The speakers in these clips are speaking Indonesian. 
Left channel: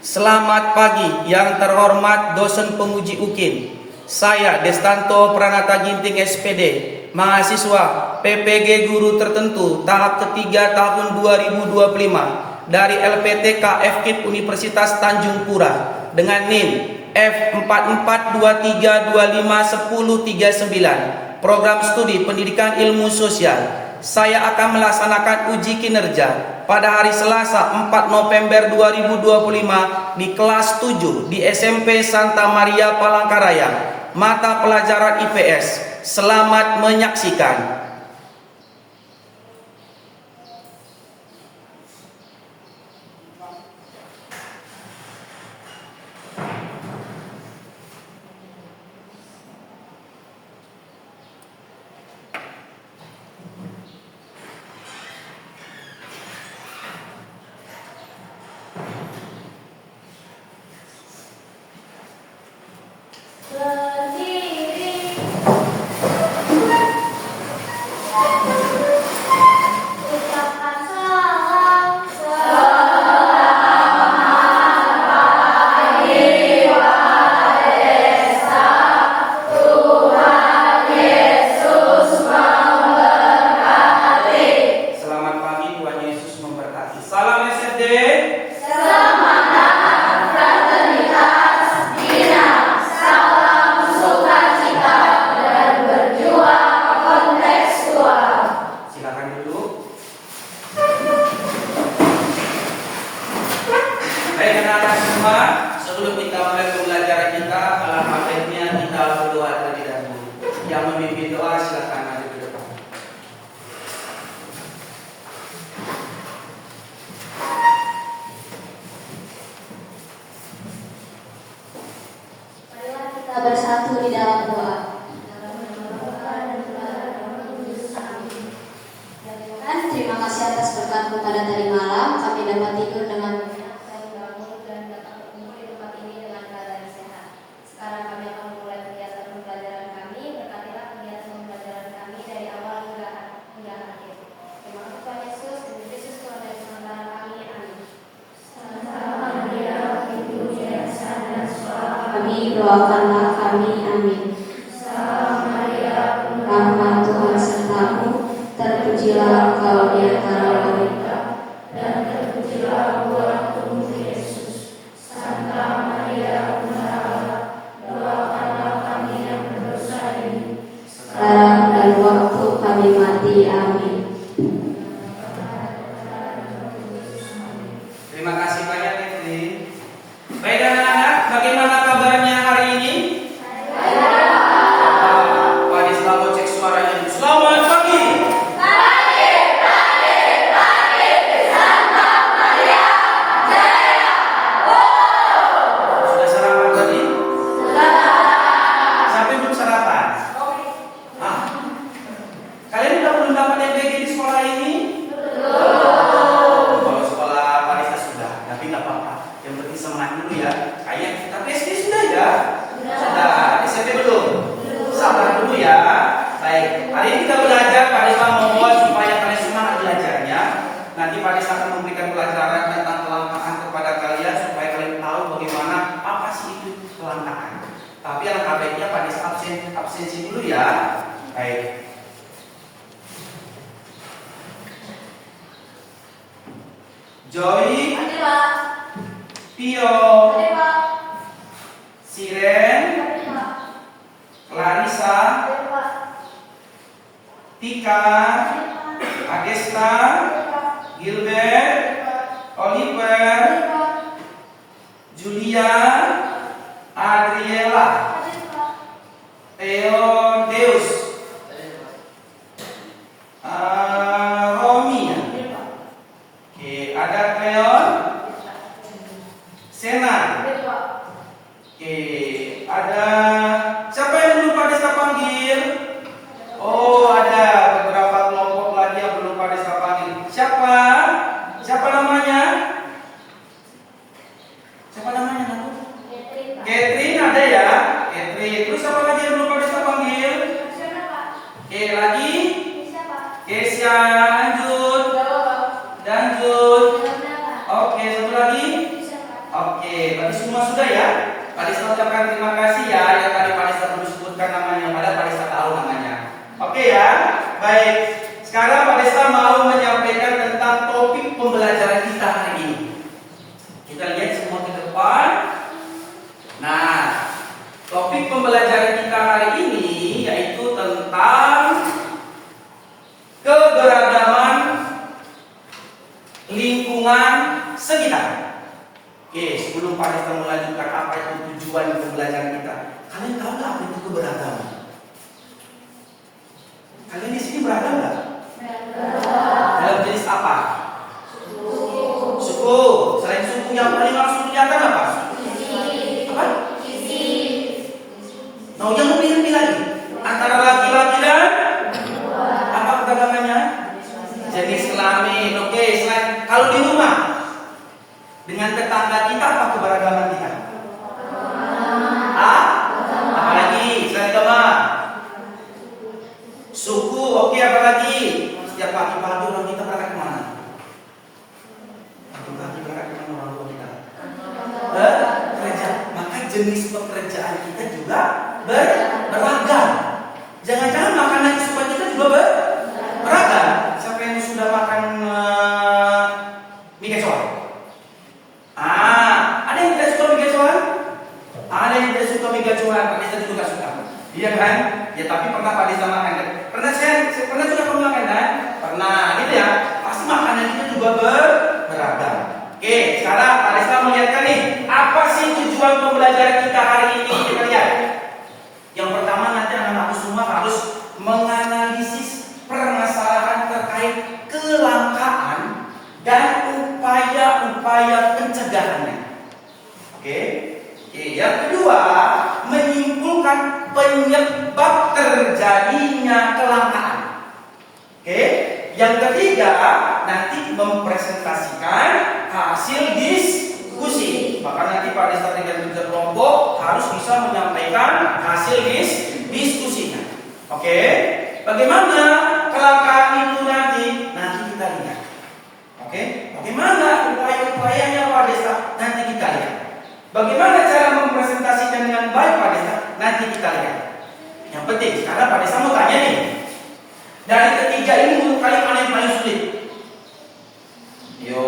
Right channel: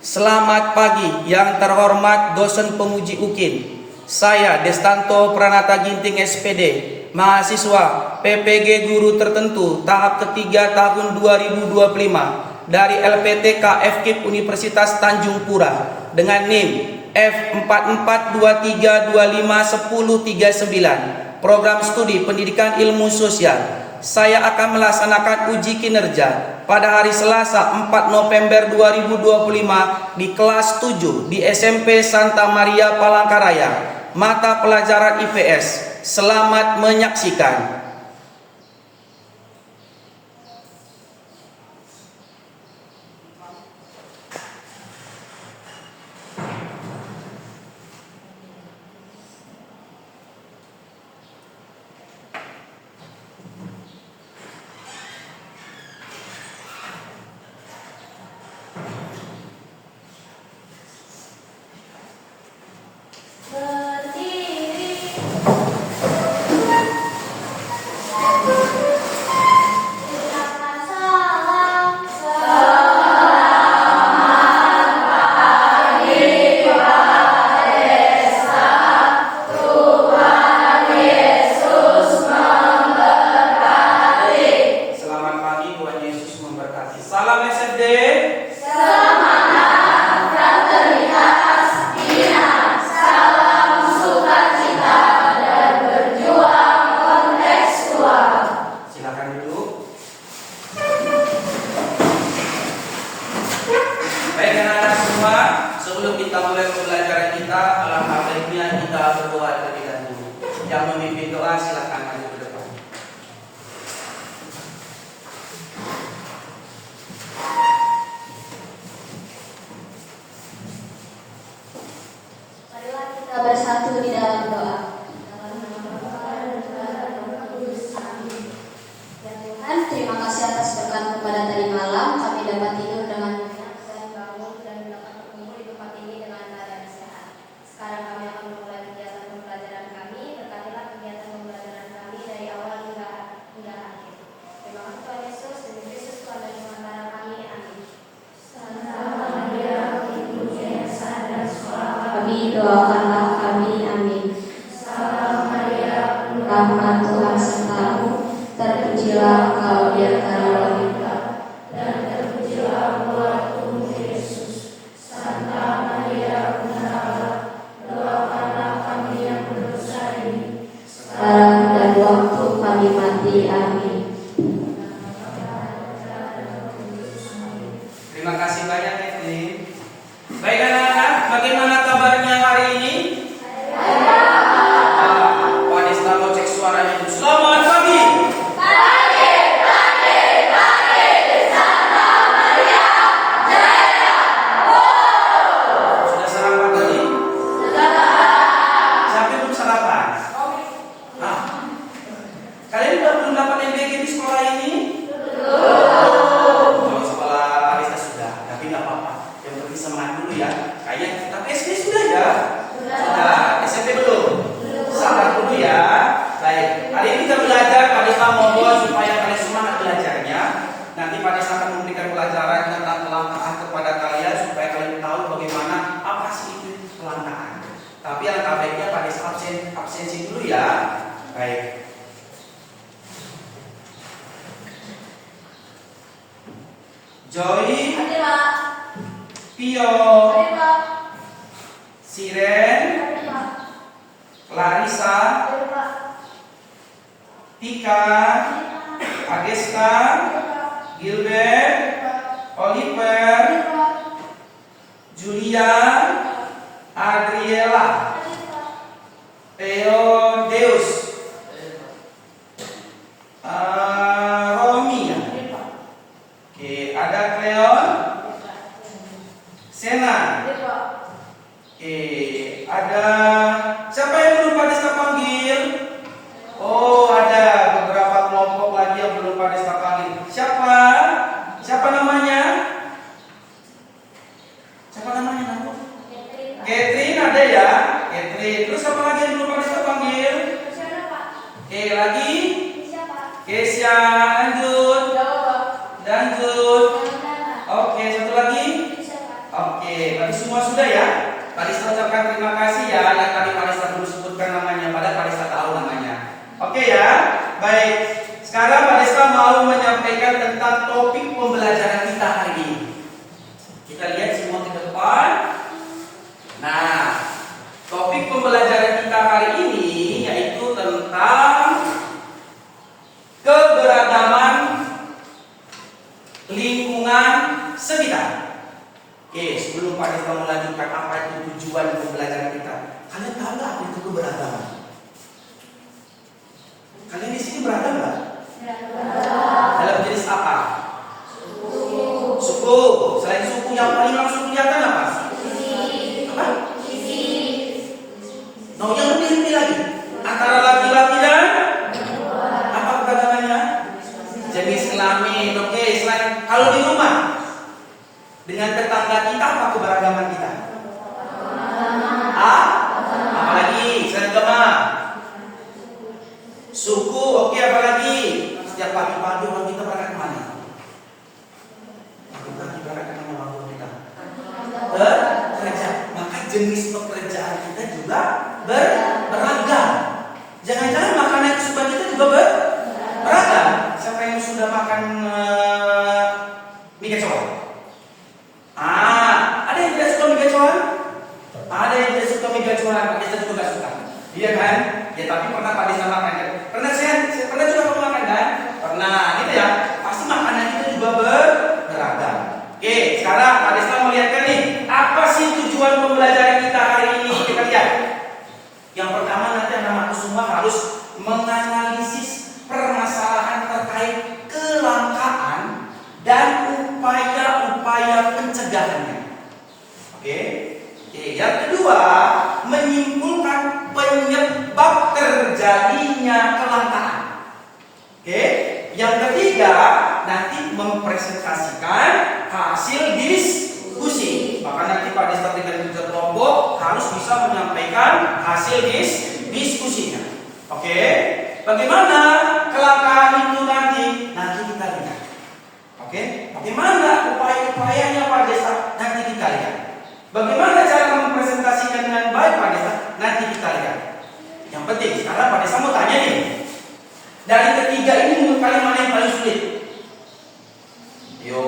Selamat pagi yang terhormat dosen penguji UKIN. Saya Destanto Pranata Ginting SPD, mahasiswa PPG Guru Tertentu tahap ketiga tahun 2025 dari LPTK FKIP Universitas Tanjung Pura dengan NIM F4423251039, program studi pendidikan ilmu sosial. Saya akan melaksanakan uji kinerja pada hari Selasa 4 November 2025 di kelas 7 di SMP Santa Maria Palangkaraya, mata pelajaran IPS. Selamat menyaksikan. Sebelum kita mulai pembelajaran kita, alangkah baiknya kita berdoa terlebih dahulu. Yang memimpin doa silakan maju ke depan. Marilah kita bersatu di dalam doa. Ya Tuhan, terima kasih atas berkat kepada tadi malam kami dapat tidur dengan doakanlah kami, amin. Salam Maria, rahmat Tuhan sertamu, terpujilah engkau di antara wanita, dan terpujilah buah tubuh Yesus. Santa Maria, Bunda Allah, doakanlah kami yang berdosa ini, sekarang dan waktu kami mati, amin. Terima kasih banyak, Evri. Baik anak-anak, bagaimana kabarnya hari ini? Pak Desta mau cek suaranya dulu. Selamat pagi. Pagi di Santa Maria Jaya. Sudah sarapan tadi? Sudah. Siapa yang belum sarapan? Kalian udah belum dapat MBG di sekolah ini? Kalau sekolah Pak Desta sudah, tapi nggak apa-apa. Yang penting semangat dulu ya. Kayaknya tapi SD sudah ya? Sudah. SMP belum? Sabar dulu ya. Baik. Hari ini kita belajar Pak Desta membuat supaya kalian semangat belajarnya. Nanti Pak Desta akan memberikan pelajaran tentang kelangkaan kepada kalian supaya kalian tahu bagaimana apa sih itu kelangkaan. Tapi alangkah baiknya Pak Desta absensi dulu ya. Baik. Joy, Tio, Siren, Clarissa, Tika, Agesta, Gilbert, Oliver, Julia, Adriela, Theo, Deus, Romi. Oke, ada Cleon, Sena. Oke, ada siapa yang belum Pak Desta panggil? Oh, ada beberapa kelompok lagi yang belum Pak Desta panggil. Siapa? Siapa namanya? Siapa namanya? Catherine ada ya? Catherine. Terus siapa lagi yang belum Pak Desta panggil? Oke, lagi? Kesia, lanjut. Lanjut. Oke, satu lagi. Oke, Pak Desta ucapkan terima kasih ya yang tadi Pak Desta belum sebutkan namanya, padahal Pak Desta tahu namanya. Oke ya, baik. Sekarang Pak Desta mau menyampaikan tentang topik pembelajaran kita hari ini. Kita lihat semua ke depan. Nah, topik pembelajaran kita hari ini yaitu tentang keberagaman lingkungan sekitar. Oke, sebelum Pak Desta melanjutkan apa itu tujuan pembelajaran kita, kalian tahu nggak apa itu keberagaman? Kalian di sini beragam nggak? Dalam jenis apa? Suku. Selain suku yang paling langsung kelihatan apa? Apa? Nah, yang lebih lagi antara laki-laki dan apa keberagamannya? Jenis kelamin. Oke, selain kalau di rumah dengan tetangga kita apa keberagaman kita? Apalagi selain agama? Suku. Oke, apalagi? Setiap pagi-pagi orang kita berangkat kemana? Pagi-pagi berangkat kemana orang tua kita? Bekerja. Maka jenis pekerjaan kita juga beragam. Jangan-jangan makanan kesukaan kita juga beragam. Siapa yang sudah makan mie kecoa? Ada yang tidak suka mie kecoa? Ada yang tidak suka mie kecoa. Pak Desta juga tidak suka. Iya kan? Ya tapi pernah Pak Desta makan kan? Pernah saya pernah juga kamu makan kan? Pernah, gitu ya. Pasti makanan kita juga beragam. Oke, sekarang Pak Desta melihatkan nih, apa sih tujuan pembelajaran kita hari ini? Kita lihat. Yang pertama nanti anak-anakku semua harus menganalisis permasalahan terkait kelangkaan dan upaya-upaya pencegahannya. Oke. Yang kedua, menyimpulkan penyebab terjadinya kelangkaan. Oke. Yang ketiga, nanti mempresentasikan hasil diskusi. Maka nanti Pak Desta dengan kerja kelompok harus bisa menyampaikan hasil diskusinya. Oke. Bagaimana kelangkaan itu nanti kita lihat. Oke. Bagaimana upaya-upayanya Pak Desta nanti kita lihat. Bagaimana cara mempresentasikan dengan baik Pak Desta nanti kita lihat. Yang penting sekarang Pak Desta mau tanya nih. Dari ketiga ini menurut kalian mana yang paling sulit? Yo,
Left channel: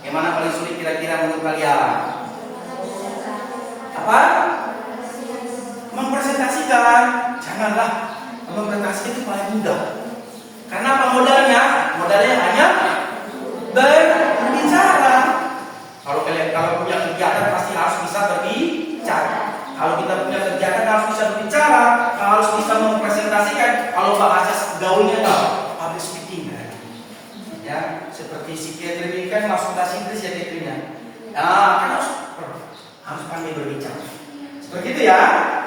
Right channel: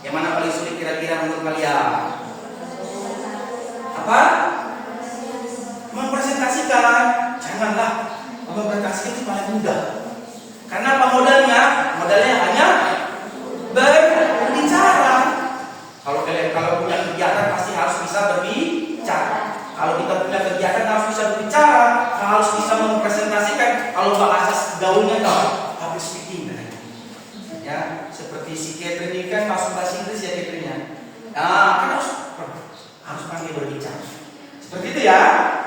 yang mana paling sulit kira-kira menurut kalian? Apa? Mempresentasikan. Janganlah, mempresentasikan itu paling mudah. Karena apa modalnya? Modalnya hanya berbicara. Kalau punya kegiatan pasti harus bisa berbicara. Kalau kita punya kegiatan harus bisa berbicara, harus bisa mempresentasikan. Kalau bahasa gaulnya public speaking ya, seperti psikiatri kan langsung bahasa Inggris ya psikiatrinya. Nah, kan harus pandai berbicara. Seperti itu ya.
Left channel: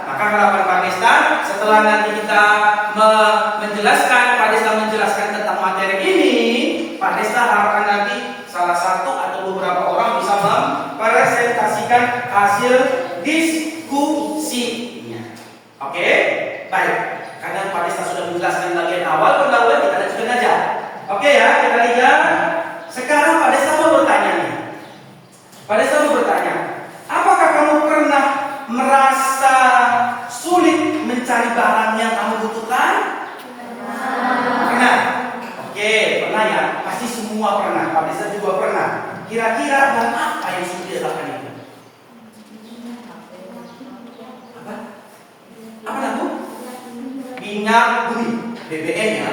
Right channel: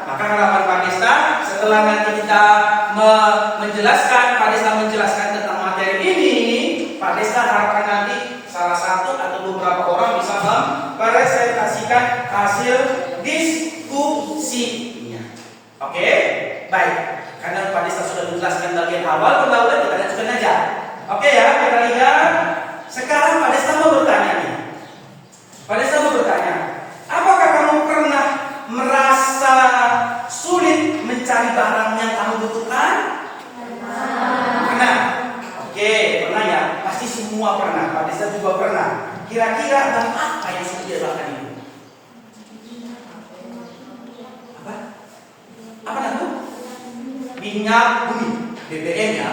Maka harapan Pak Desta setelah nanti kita menjelaskan, Pak Desta menjelaskan tentang materi ini, Pak Desta harapkan nanti salah satu atau beberapa orang bisa mempresentasikan hasil diskusinya. Oke, baik. Karena Pak Desta sudah menjelaskan bagian awal pendahuluan, kita lanjutkan aja. Oke ya, kita lihat. Sekarang Pak Desta mau bertanya nih. Pak Desta mau bertanya, apakah kamu pernah merasa sulit mencari barang yang kamu butuhkan? Pernah. Oke, pernah ya. Pasti semua pernah. Pak Desta juga pernah. Kira-kira barang apa yang sulit dilakukan itu? Apa itu? Minyak bumi, BBM ya.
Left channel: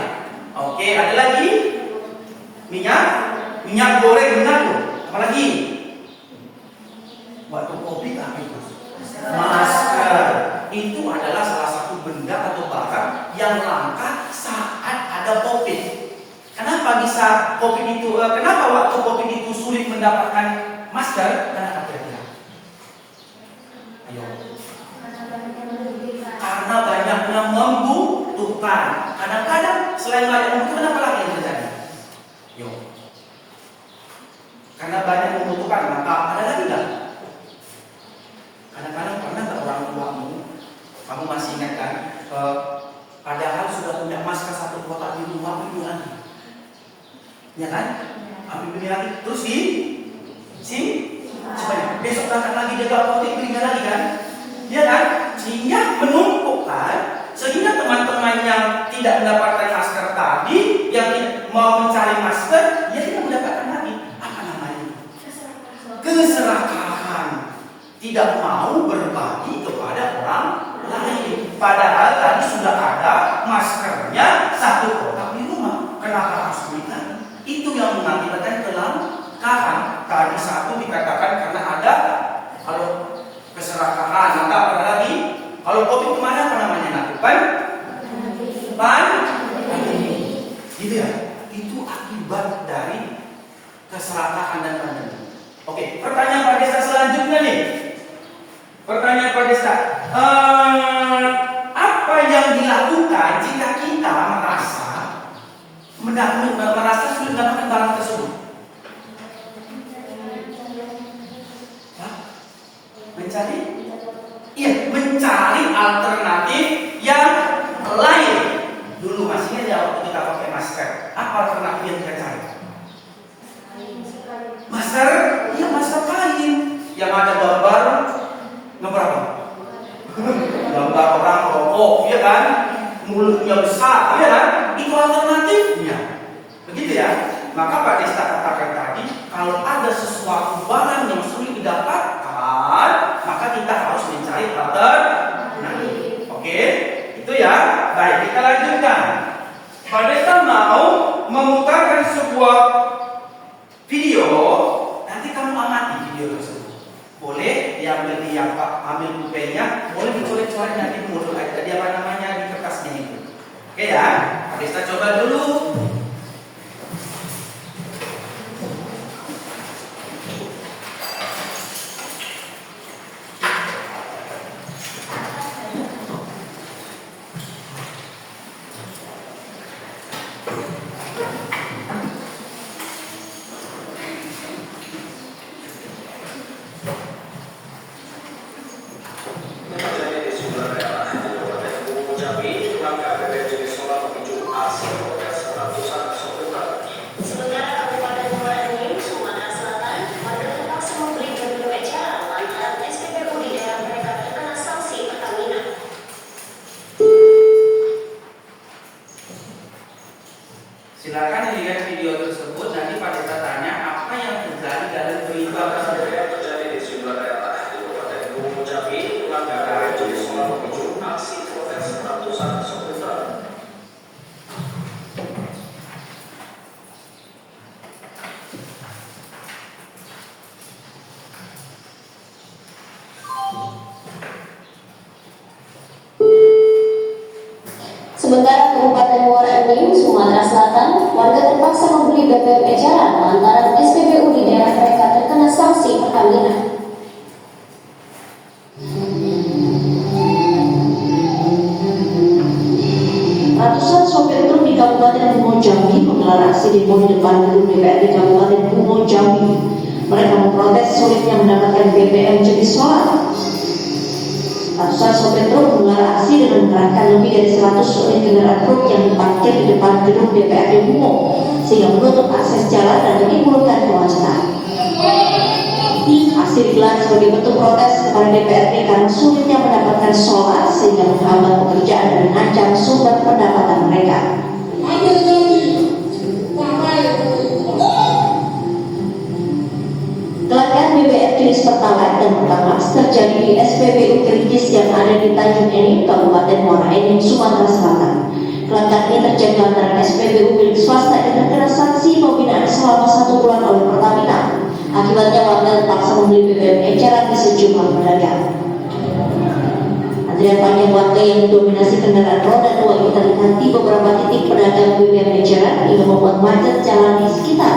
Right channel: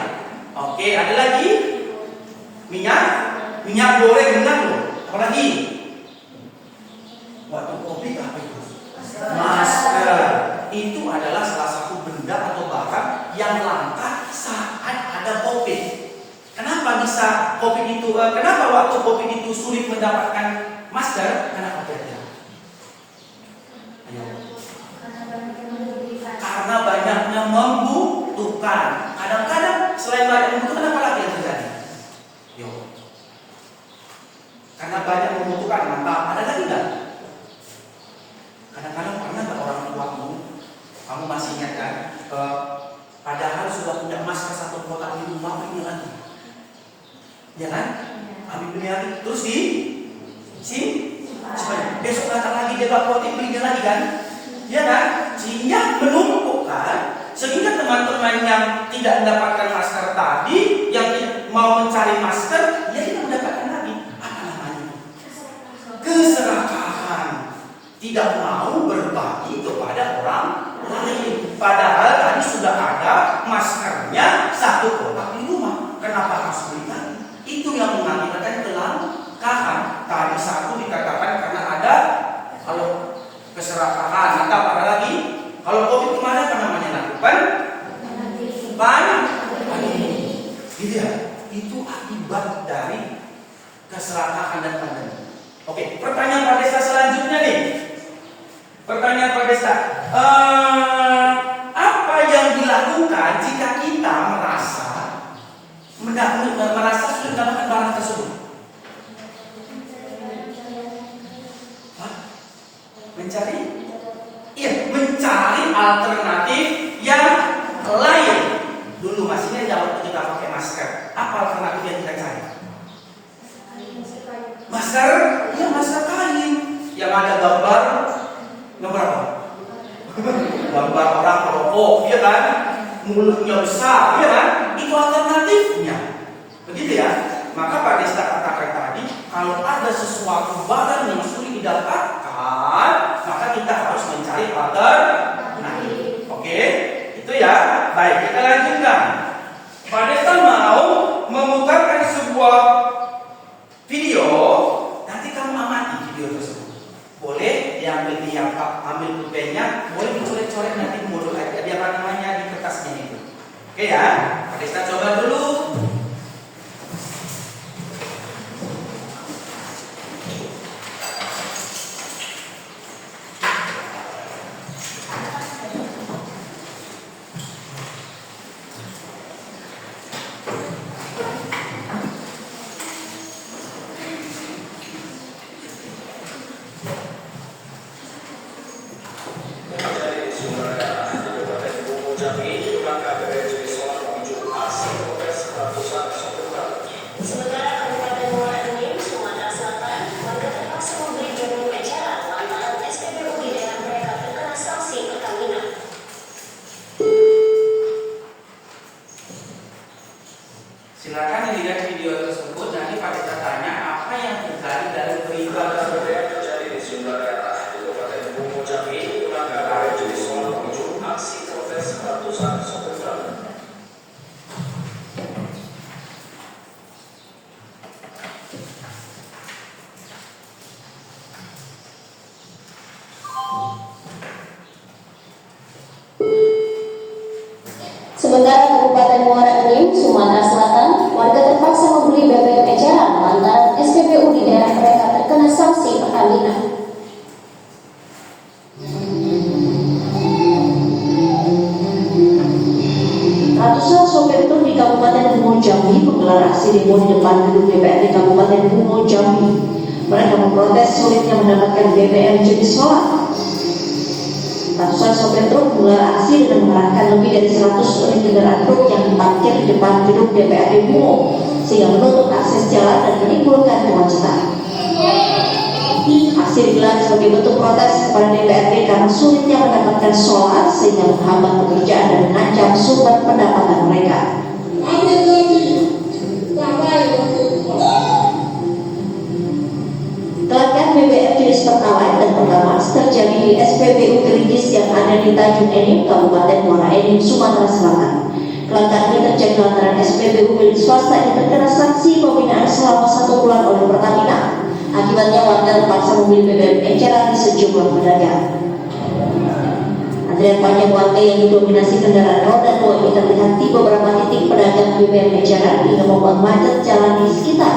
Oke, ada lagi? Minyak goreng, minyak loh. Apa lagi? Waktu kopi apa itu? Masker. Itu adalah salah satu benda atau barang yang langka saat ada COVID. Kenapa bisa COVID itu? Kenapa waktu COVID itu sulit mendapatkan masker? Kenapa kira-kira? Ayo. Karena banyaknya membutuhkan. Kadang-kadang selain banyak membutuhkan, apa lagi yang terjadi? Yo. Karena banyak membutuhkan, maka ada lagi enggak? Kadang-kadang pernah nggak orang tuamu, kamu masih ingat kan? Padahal sudah punya masker 1 kotak di rumah, ini lagi. Ya kan? Ambil beli lagi. Terus supaya besok datang lagi dia gak apotek belinya lagi kan, ya kan? Sehingga menumpukkan, sehingga teman-teman yang tidak mendapatkan masker tadi, yang mau mencari masker, dia tidak mendapatkan lagi. Apa namanya? Keserakahan. Tidak mau berbagi kepada orang lain. Padahal tadi sudah ada maskernya satu kotak di rumah. Kenapa harus beli lagi? Itu yang mengakibatkan kelangkaan. Tadi satu dikatakan karena ada kalau keserakahan, atau apa lagi? Kalau COVID kemana apa namanya? Pandemi. Gitu ya. Itu akibat dari keserakahan dan pandemi. Oke, pertanyaan Pak Desta selanjutnya nih. Pertanyaan Pak Desta, apa yang dilakukan jika kita merasa sudah mendapatkan barang tersebut? Mencari? Iya, mencari alternatif yang lain. Dulu masih ingat ya waktu kita pakai masker. Apa alternatif yang kita cari? Masker? Iya, masker kain yang ada gambar apa? Gambar orang rokok, ya kan? Mulutnya besar, ya kan? Itu alternatifnya. Begitu ya? Maka Pak Desta katakan tadi, kalau ada sesuatu barang yang sulit didapatkan, maka kita harus mencari alternatif. Oke? Itu ya. Baik, kita lanjutkan. Pak Desta mau memutarkan sebuah video. Nanti kamu amati video tersebut. Boleh yang ambil pulpennya, boleh dicoret-coret nanti modul aja di apa namanya di kertasnya itu. Oke ya, Pak Desta coba dulu. Silakan lihat video tersebut. Nanti Pak Desta tanya apa yang terjadi dalam peristiwa tersebut. Terjadi di sejumlah daerah di Kabupaten Gunung Jambi, pelanggaran jenis soal memicu aksi protes ratusan sopir truk. Sementara Kabupaten Muara Enim, Sumatera Selatan, warga terpaksa membeli BBM eceran lantaran SPBU di daerah mereka terkena sanksi Pertamina. Ratusan sopir truk di Kabupaten Bungo Jambi menggelar aksi demo di depan gedung DPRD Kabupaten Bungo Jambi. Mereka memprotes sulitnya mendapatkan BBM jenis solar. Ratusan sopir truk menggelar aksi dengan mengerahkan lebih dari 100 unit kendaraan truk yang parkir di depan gedung DPRD Bungo sehingga menutup akses jalan dan menimbulkan kemacetan. Aksi digelar sebagai bentuk protes kepada DPRD karena sulitnya mendapatkan solar sehingga menghambat pekerjaan dan mengancam sumber pendapatan mereka. Kelangkaan BBM jenis Pertalite dan Pertamax terjadi di SPBU Kerincis yang ada di Tanjung Enim, Kabupaten Muara Enim, Sumatera Selatan. Kelangkaan ini terjadi lantaran SPBU milik swasta yang terkena sanksi pembinaan selama 1 bulan oleh Pertamina. Akibatnya warga terpaksa membeli BBM eceran di sejumlah pedagang. Antrian panjang warga yang didominasi kendaraan roda 2 ini terlihat di beberapa titik pedagang BBM eceran hingga membuat macet jalan di sekitar.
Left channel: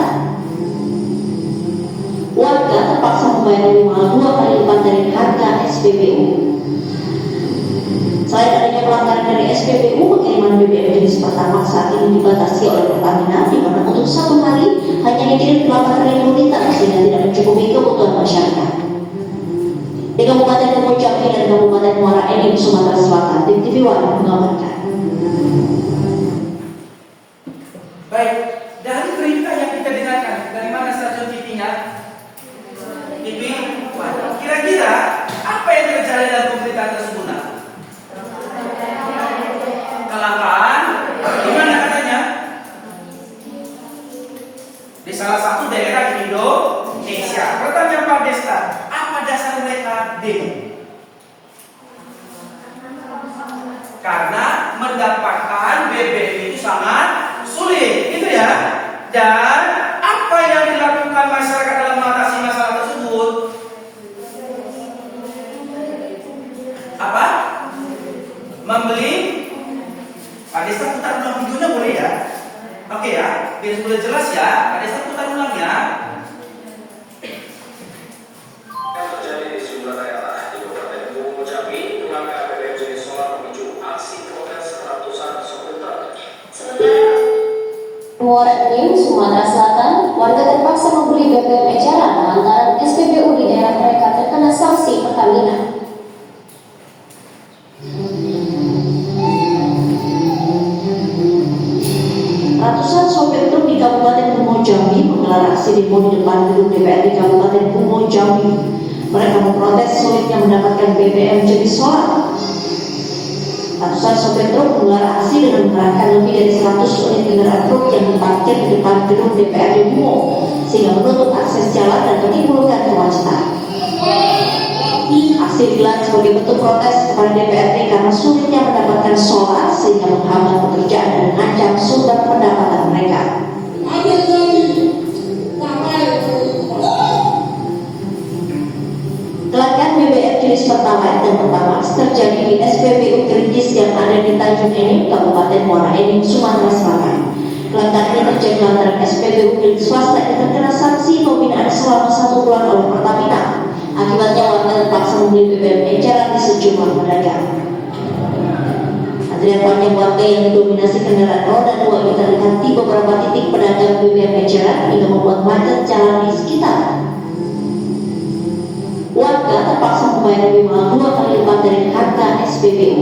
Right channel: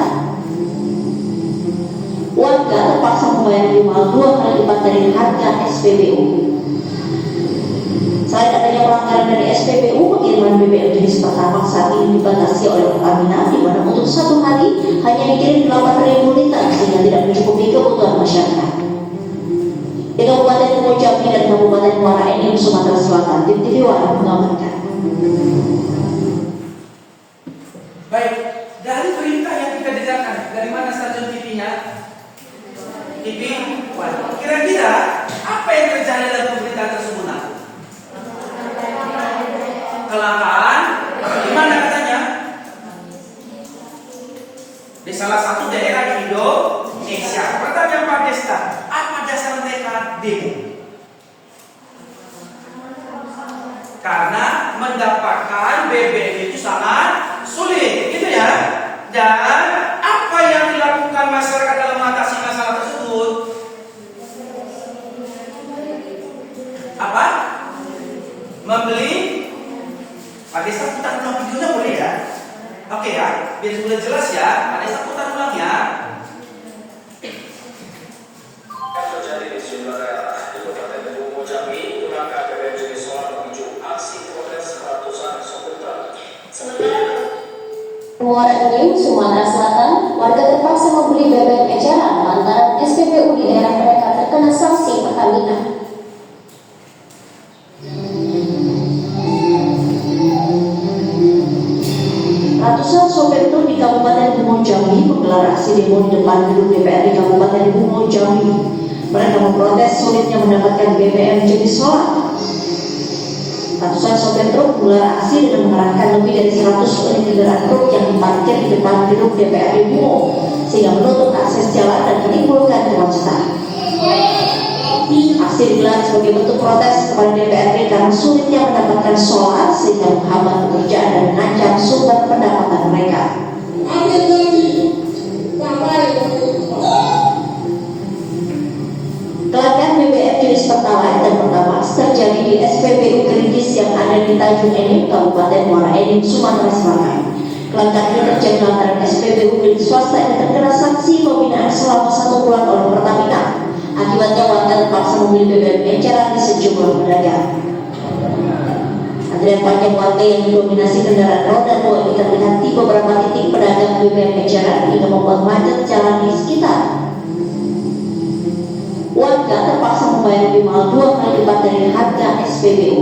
Warga terpaksa membayar minimal 2 kali lipat dari harga SPBU. Selain adanya pelanggaran dari SPBU, pengiriman BBM jenis Pertamax saat ini dibatasi oleh Pertamina, di mana untuk 1 hari hanya dikirim 8.000 liter sehingga tidak mencukupi kebutuhan masyarakat. Di Kabupaten Bungo Jambi dan Kabupaten Muara Enim, Sumatera Selatan, tim TV One mengabarkan. Baik, dari perintah yang kita dengarkan, dari mana stasiun TV-nya? TV Apa yang terjadi dalam pemberitaan tersebut? Nak? Kelangkaan. Gimana katanya? Di salah satu daerah di Indonesia. Pertanyaan Pak Desta, apa dasar mereka demo? Karena mendapatkan BBM itu sangat sulit, gitu ya. Dan apa yang dilakukan masyarakat dalam mengatasi masalah tersebut? Apa? Membeli. Pak Desta putar ulang videonya boleh ya? Oke ya, biar sudah jelas ya. Pak Desta putar ulang ya. Yang terjadi di sejumlah daerah di Kabupaten Bungo Jambi, langkah BBM jenis solar memicu aksi protes ratusan sopir truk. Muara Enim, Sumatera Selatan, warga terpaksa membeli BBM eceran lantaran SPBU di daerah mereka terkena sanksi Pertamina. Ratusan sopir truk di Kabupaten Bungo Jambi menggelar aksi demo di depan gedung DPRD Kabupaten Bungo Jambi. Mereka memprotes sulitnya mendapatkan BBM jenis solar. Ratusan sopir truk menggelar aksi dengan mengerahkan lebih dari 100 unit kendaraan truk yang diparkir di depan gedung DPRD Bungo, sehingga menutup akses jalan dan menimbulkan kemacetan. Aksi digelar sebagai bentuk protes kepada DPRD karena sulitnya mendapatkan solar sehingga menghambat pekerjaan dan mengancam sumber pendapatan mereka. Kelangkaan BBM jenis Pertalite dan Pertamax terjadi di SPBU Keringkis yang ada di Tanjung Enim, Kabupaten Muara Enim, Sumatera Selatan. Kelangkaan ini terjadi lantaran SPBU milik swasta yang terkena sanksi pembinaan selama 1 bulan oleh Pertamina. Akibatnya warga terpaksa membeli BBM eceran di sejumlah pedagang. Antrian panjang warga yang didominasi kendaraan roda 2 ini terlihat di beberapa titik pedagang BBM eceran hingga membuat macet jalan di sekitar. Warga terpaksa membayar lebih mahal 2 kali lipat dari harga SPBU.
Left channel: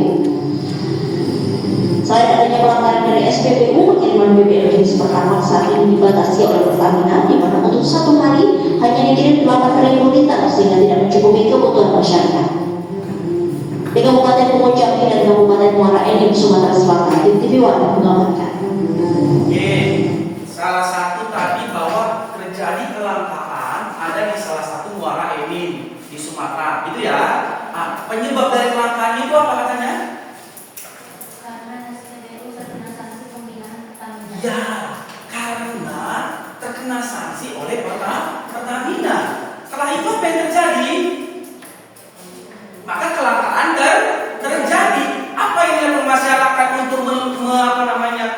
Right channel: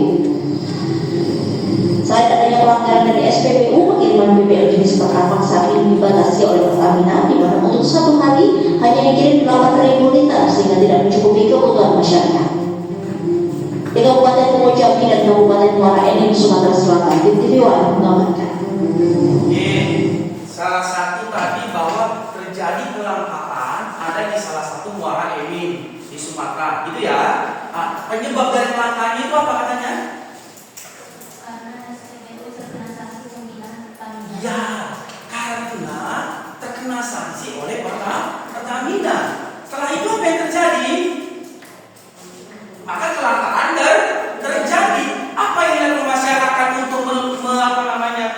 Selain adanya pelanggaran dari SPBU, pengiriman BBM jenis Pertamax saat ini dibatasi oleh Pertamina, di mana untuk 1 hari hanya dikirim 8.000 liter sehingga tidak mencukupi kebutuhan masyarakat. Di Kabupaten Bungo Jambi dan Kabupaten Muara Enim, Sumatera Selatan, Tim TV One mengabarkan. Salah satu tadi bahwa terjadi kelangkaan ada di salah satu Muara Enim di Sumatera, gitu ya. Penyebab dari kelangkaan itu apa katanya? Ya, karena terkena sanksi oleh Pertamina. Setelah itu apa yang terjadi? Maka kelangkaan terjadi. Apa yang dilakukan masyarakat untuk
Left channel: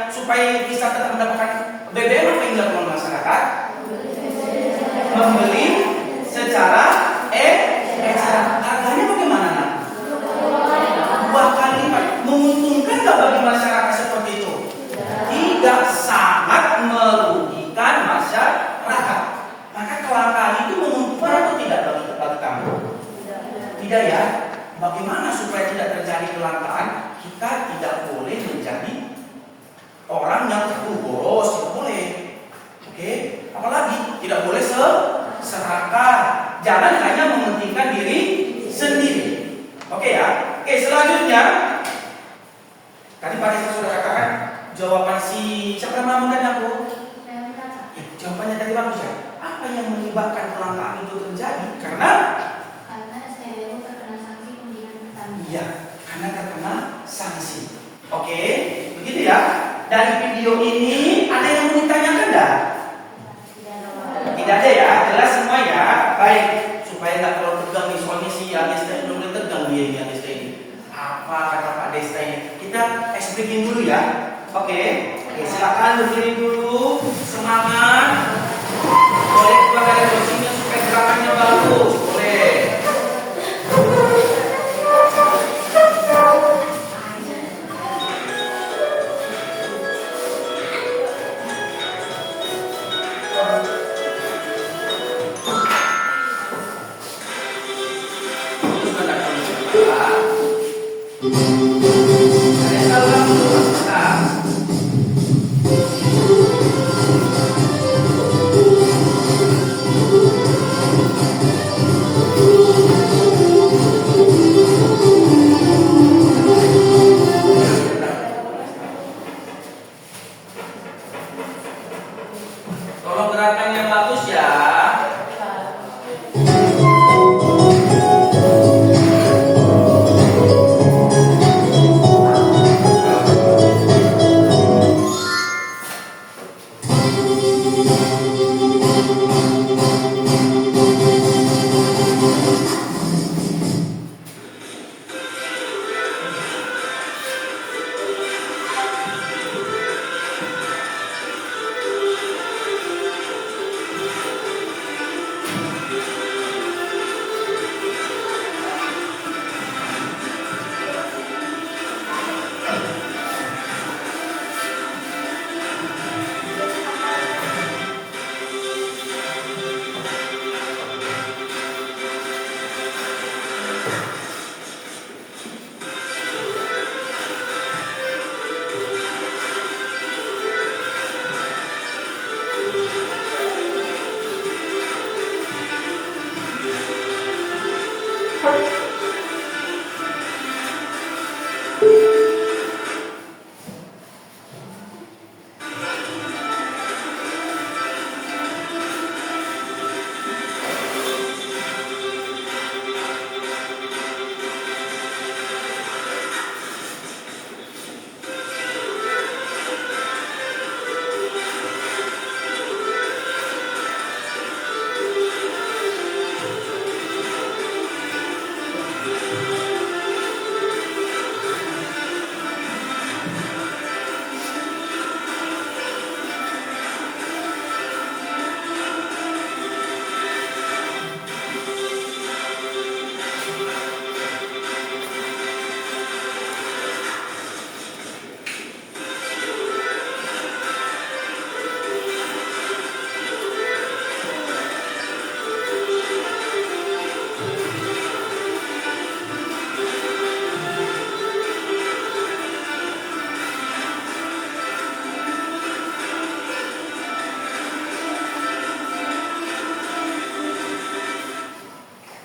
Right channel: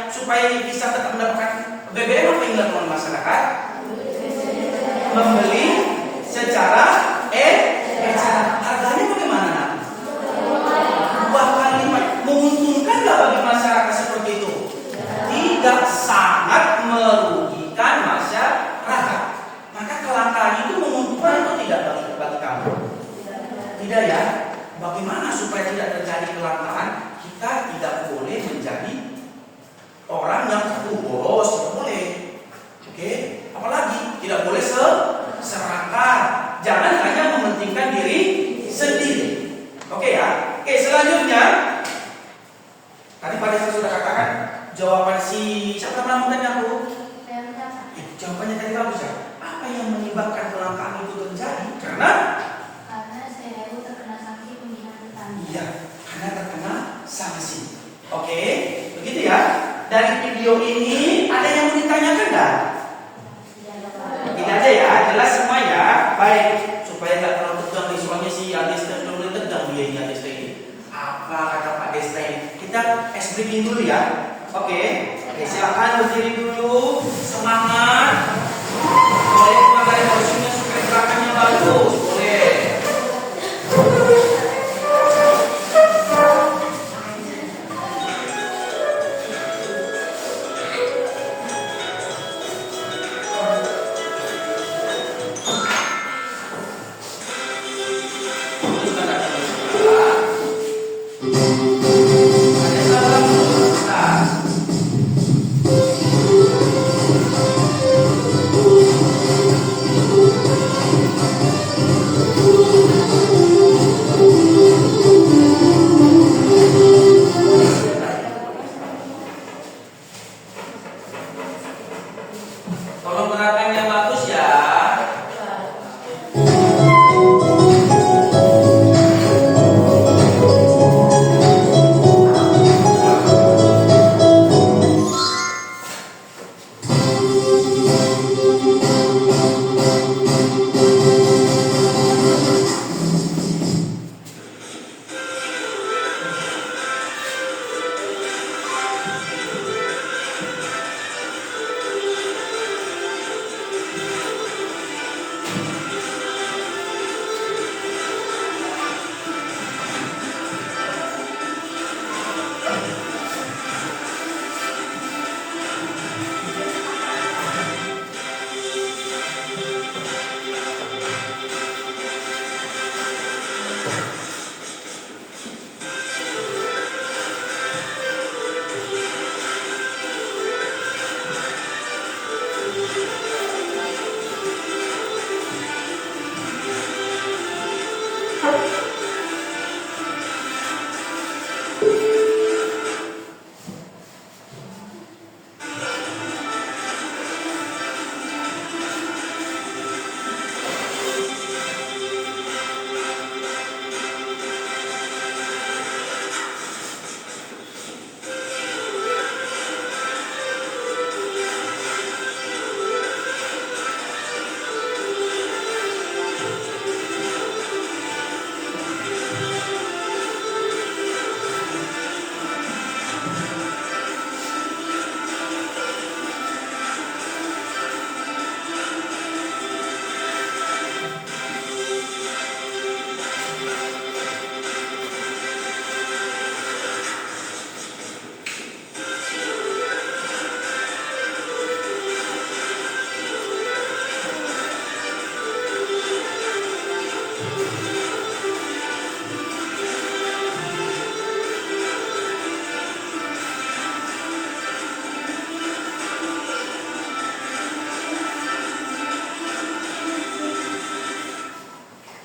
supaya bisa tetap mendapatkan BBM? Apa yang dilakukan masyarakat? Membeli secara eceran. Harganya bagaimana, Nak? 2 kali lipat. Menguntungkan nggak bagi masyarakat seperti itu? Tidak, sangat merugikan masyarakat. Maka kelangkaan itu menguntungkan atau tidak bagi kamu? Tidak ya. Bagaimana supaya tidak terjadi kelangkaan? Kita tidak boleh menjadi orang yang boros, tidak boleh. Oke? Apalagi tidak boleh serakah. Jangan hanya mementingkan diri sendiri. Oke ya? Oke, selanjutnya tadi Pak Desa sudah katakan jawaban si siapa namanya aku? Jawabannya tadi bagus ya. Apa yang menyebabkan kelangkaan itu terjadi? Karena SPBU terkena sanksi pembinaan Pertamina. iya, karena terkena sanksi. Oke, begitu ya. Dari video ini ada yang mau ditanyakan enggak? Tidak ada ya, jelas semua ya. Baik, supaya nggak terlalu tegang nih, soalnya si Desta ini belum tegang dia ini Desta ini. Apa kata Pak Desta ini? Kita ice breaking dulu ya. Oke, silakan berdiri dulu. Semangat. Boleh keluar dari kursinya supaya gerakannya bagus. Boleh.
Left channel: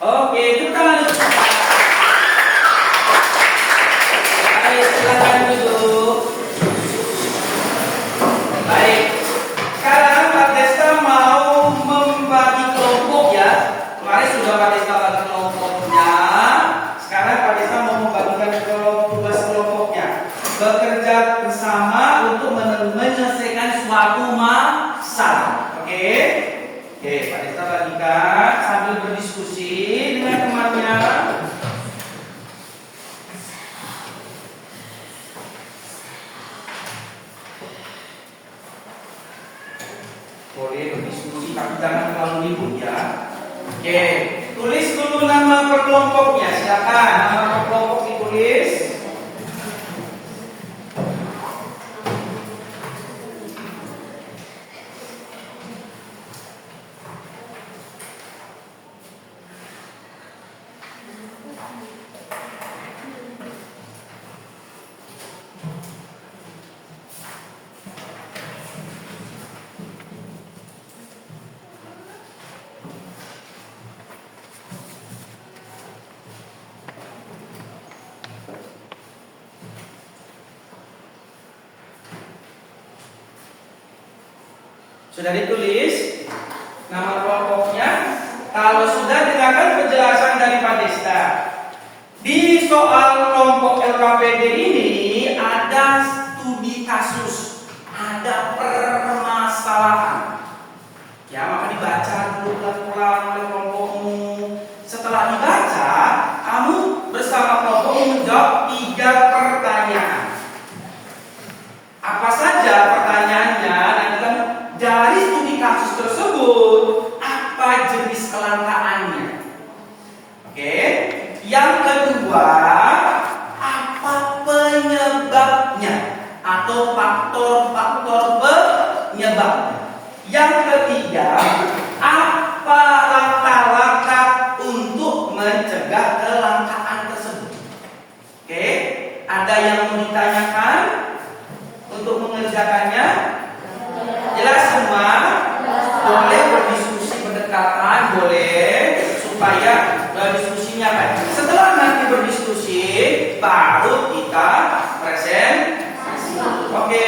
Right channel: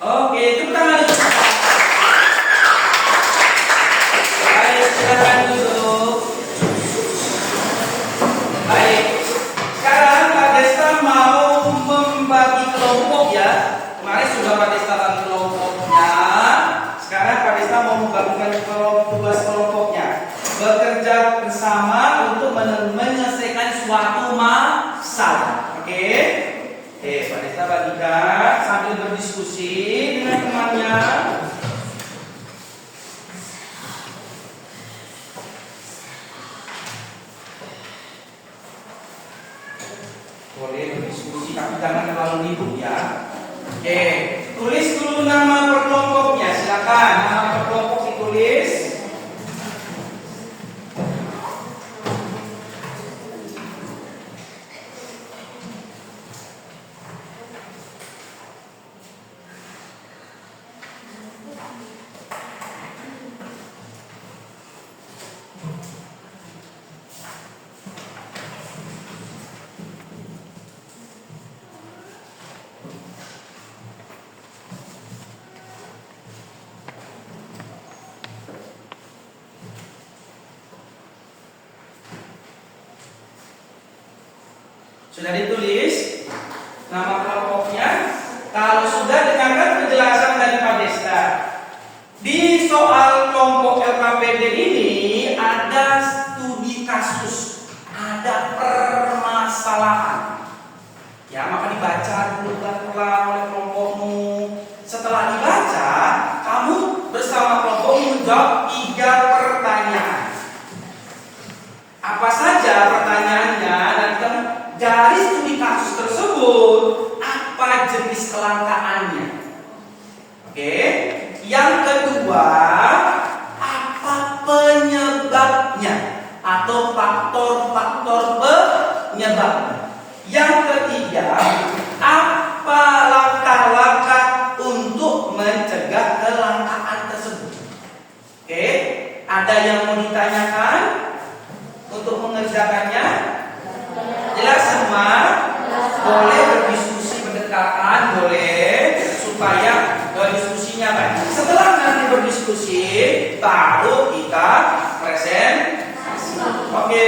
Oke, tepuk tangan. Baik, silakan duduk. Baik, sekarang Pak Desta mau membagi kelompok ya. Kemarin sudah Pak Desta bagi kelompoknya. Sekarang Pak Desta mau membagikan tugas kelompoknya. Bekerja bersama untuk menyelesaikan suatu masalah. Oke? Oke, Pak Desta bagikan sambil berdiskusi dengan temannya. Boleh berdiskusi tapi jangan terlalu ribut ya. Oke, tulis dulu nama per kelompoknya. Silakan, nama per kelompok ditulis. Sudah ditulis nama kelompoknya. Kalau sudah, dengarkan penjelasan dari Pak Desta. Di soal kelompok LKPD ini ada studi kasus, ada permasalahan. Ya, maka dibaca dulu pelan-pelan oleh kelompokmu. Setelah dibaca, kamu bersama kelompokmu menjawab 3 pertanyaan. Apa saja pertanyaannya? Dan kita dari studi kasus tersebut, apa jenis kelangkaannya? Oke. Yang kedua, apa penyebabnya atau faktor-faktor penyebabnya? Yang ketiga, apa langkah-langkah untuk mencegah kelangkaan tersebut? Oke. Ada yang mau ditanyakan untuk mengerjakannya? Jelas semua? Boleh berdiskusi berdekatan, boleh, supaya diskusinya baik. Setelah nanti berdiskusi, baru kita presentasi. Oke,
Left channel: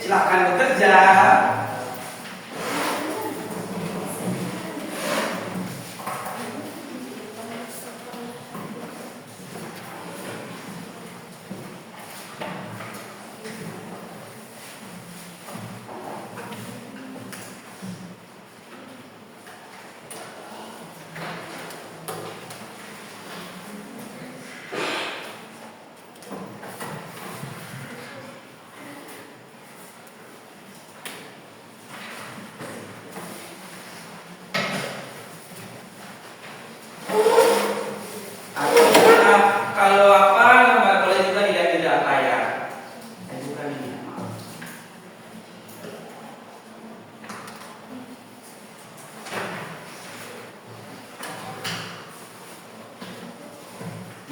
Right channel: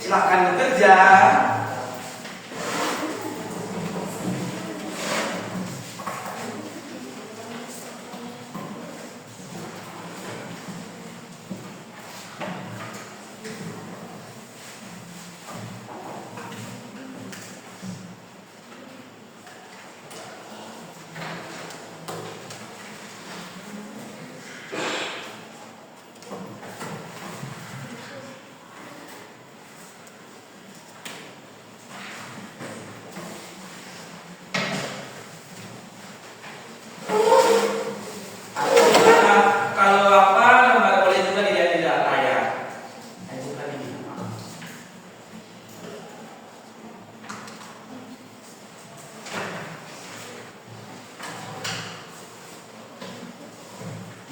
silakan bekerja.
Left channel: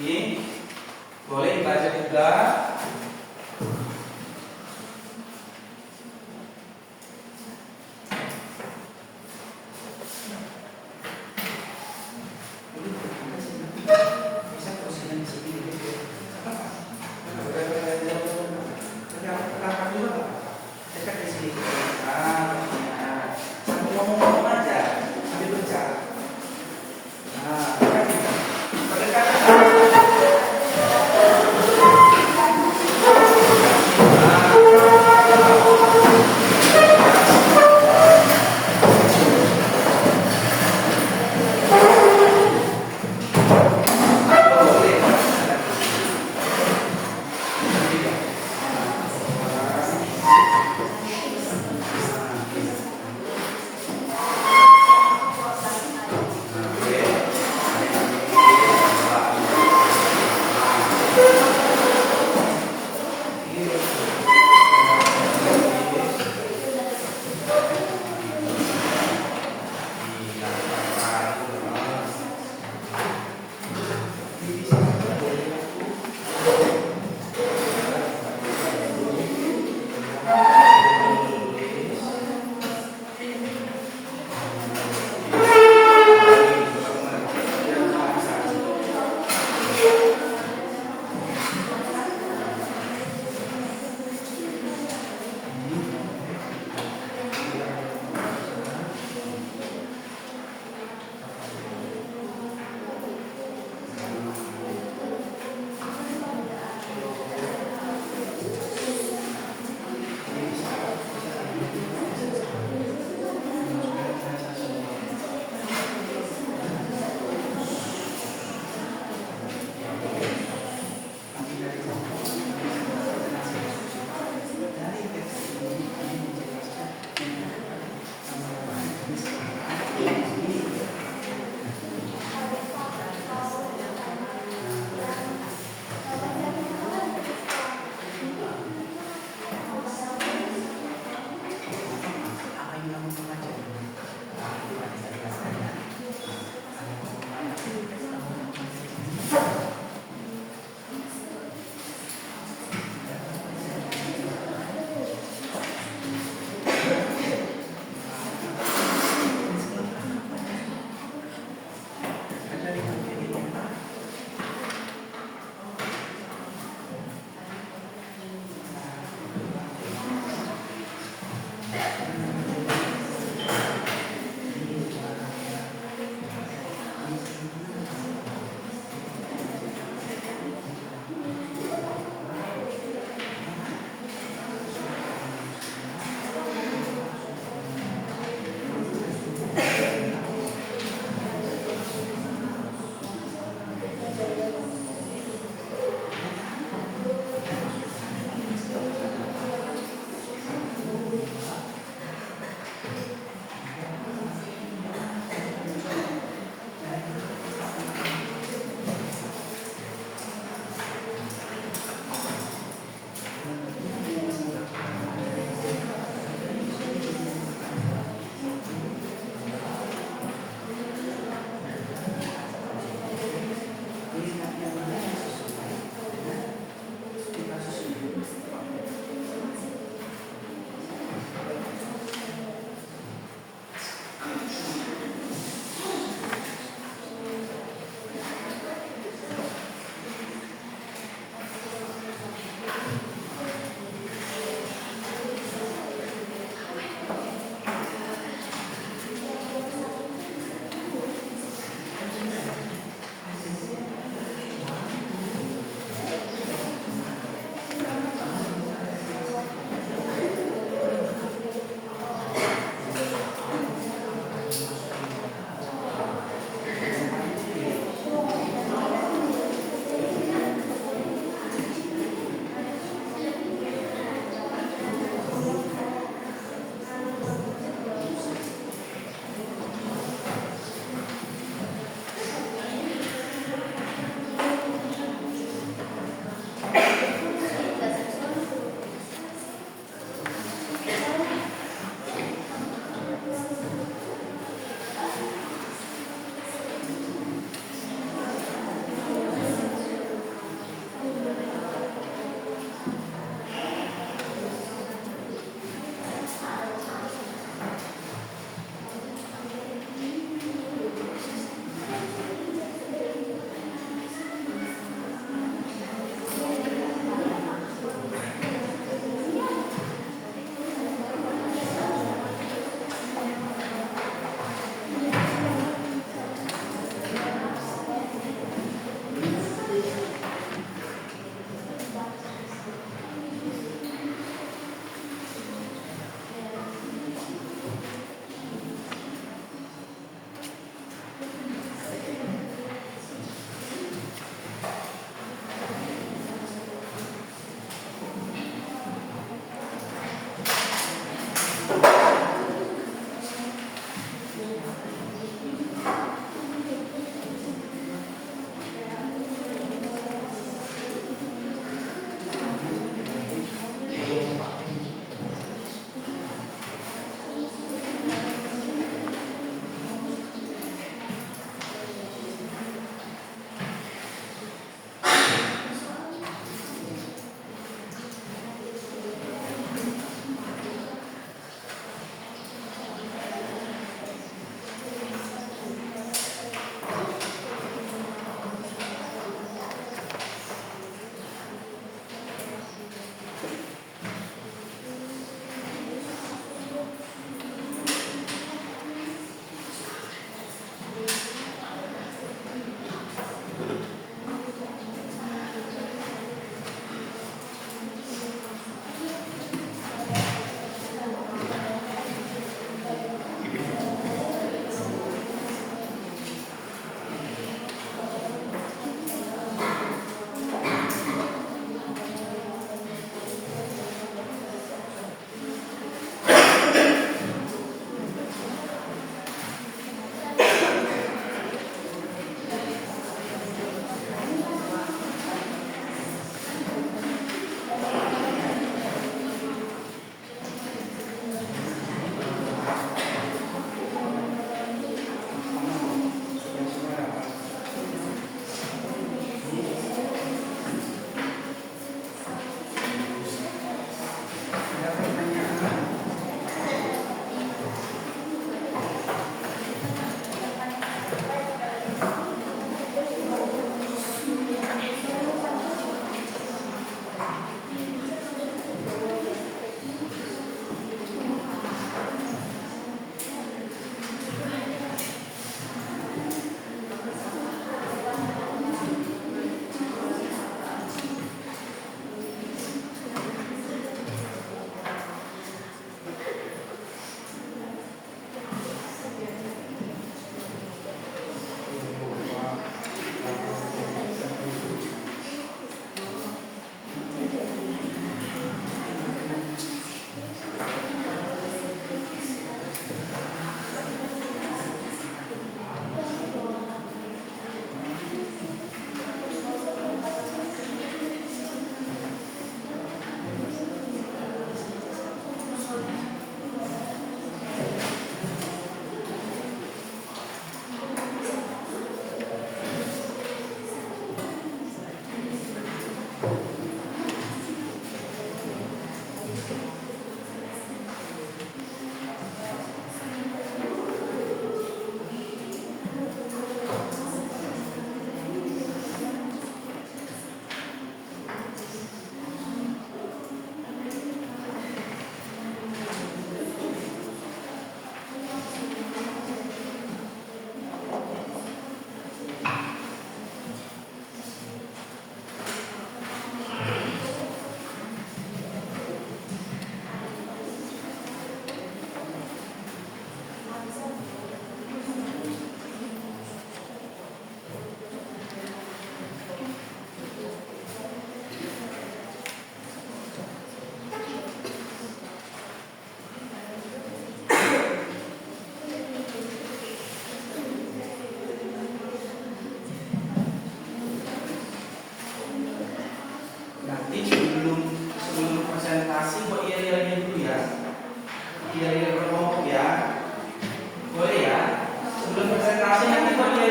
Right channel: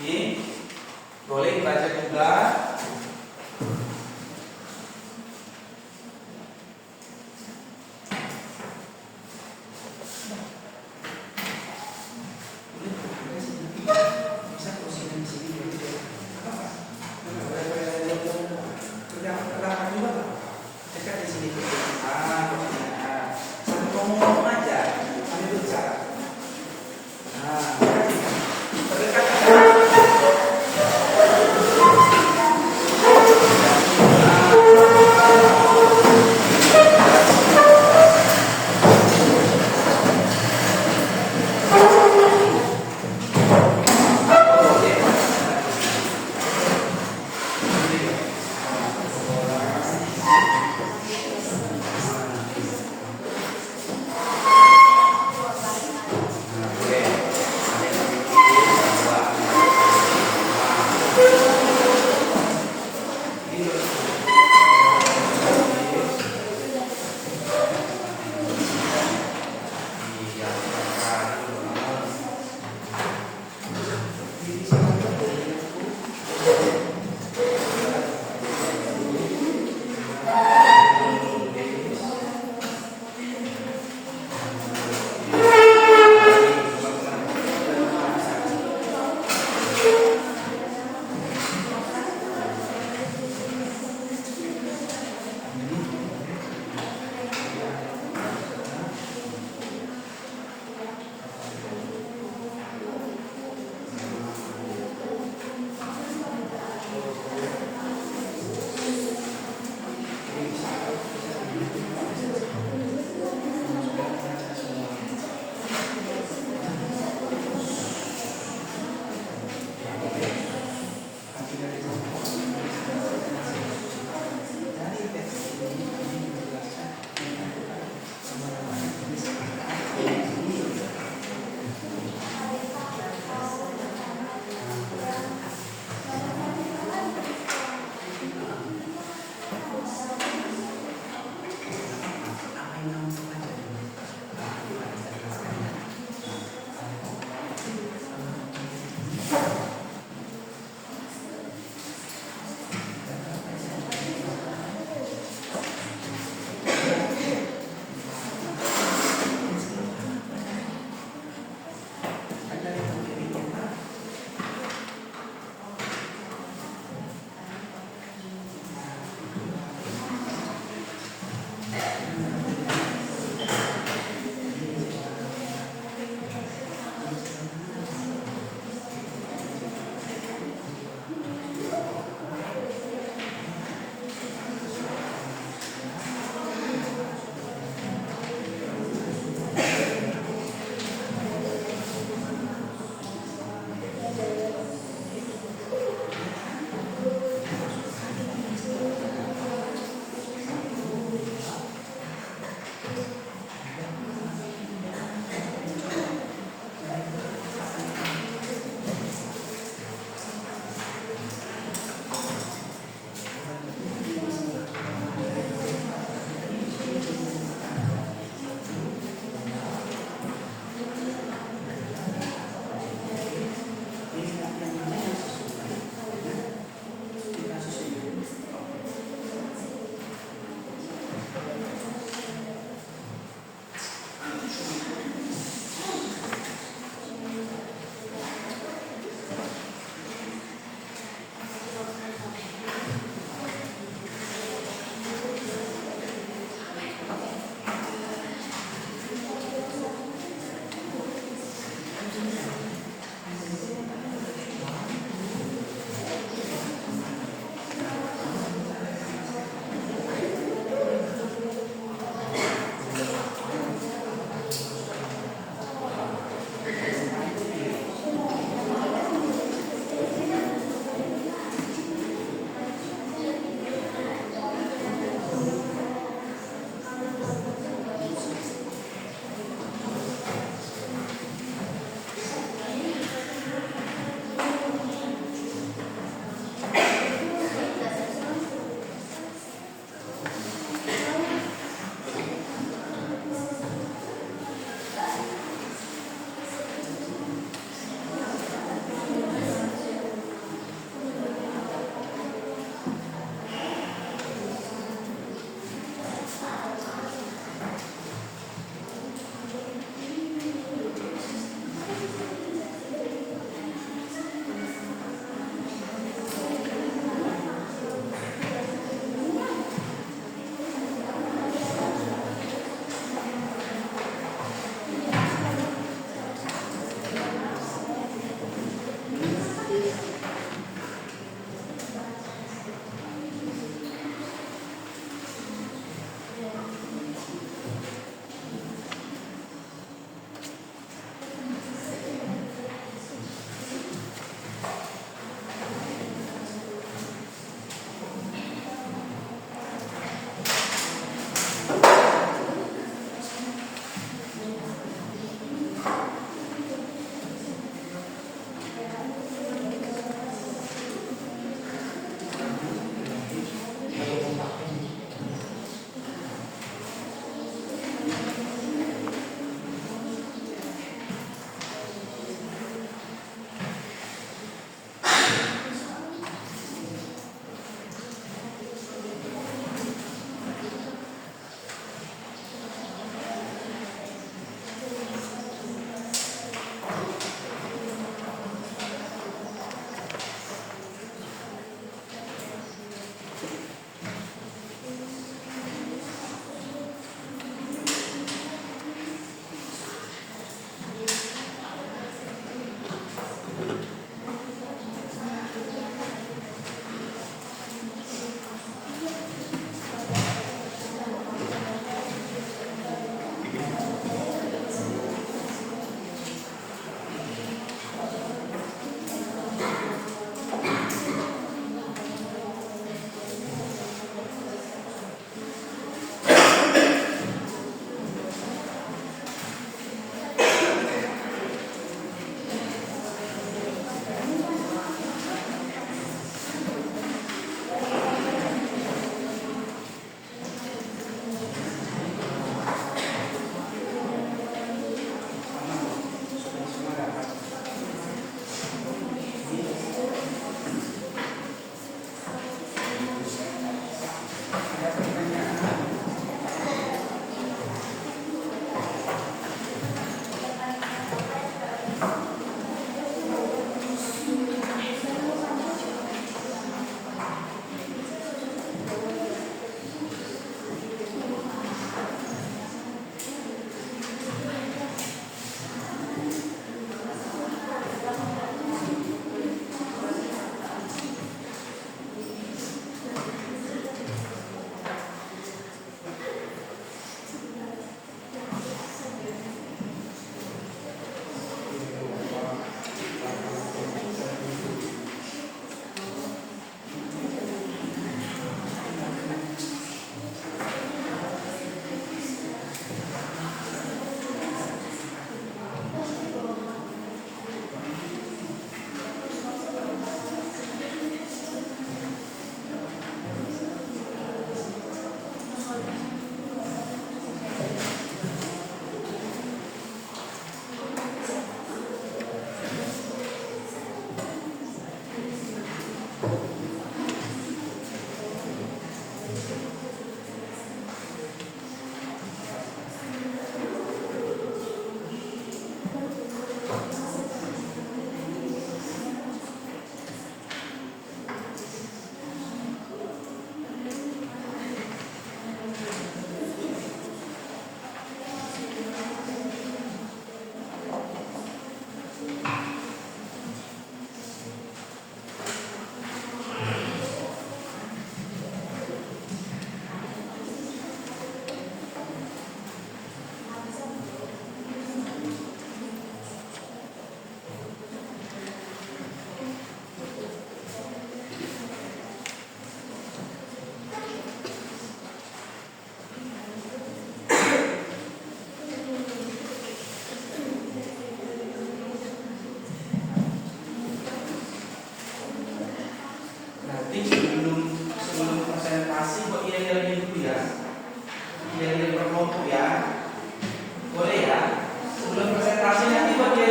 Ini boleh dibaca juga. Boleh.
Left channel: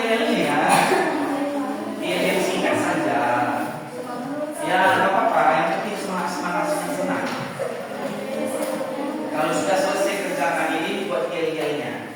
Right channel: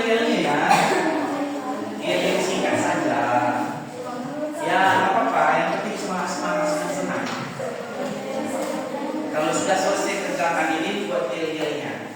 yel-yelnya ya. Yel-yel singkat saja. Ya, nggak apa-apa. Yang penting semangat-semangat senang. Kalau sudah selesai kerjakan ini, buat yel-yelnya.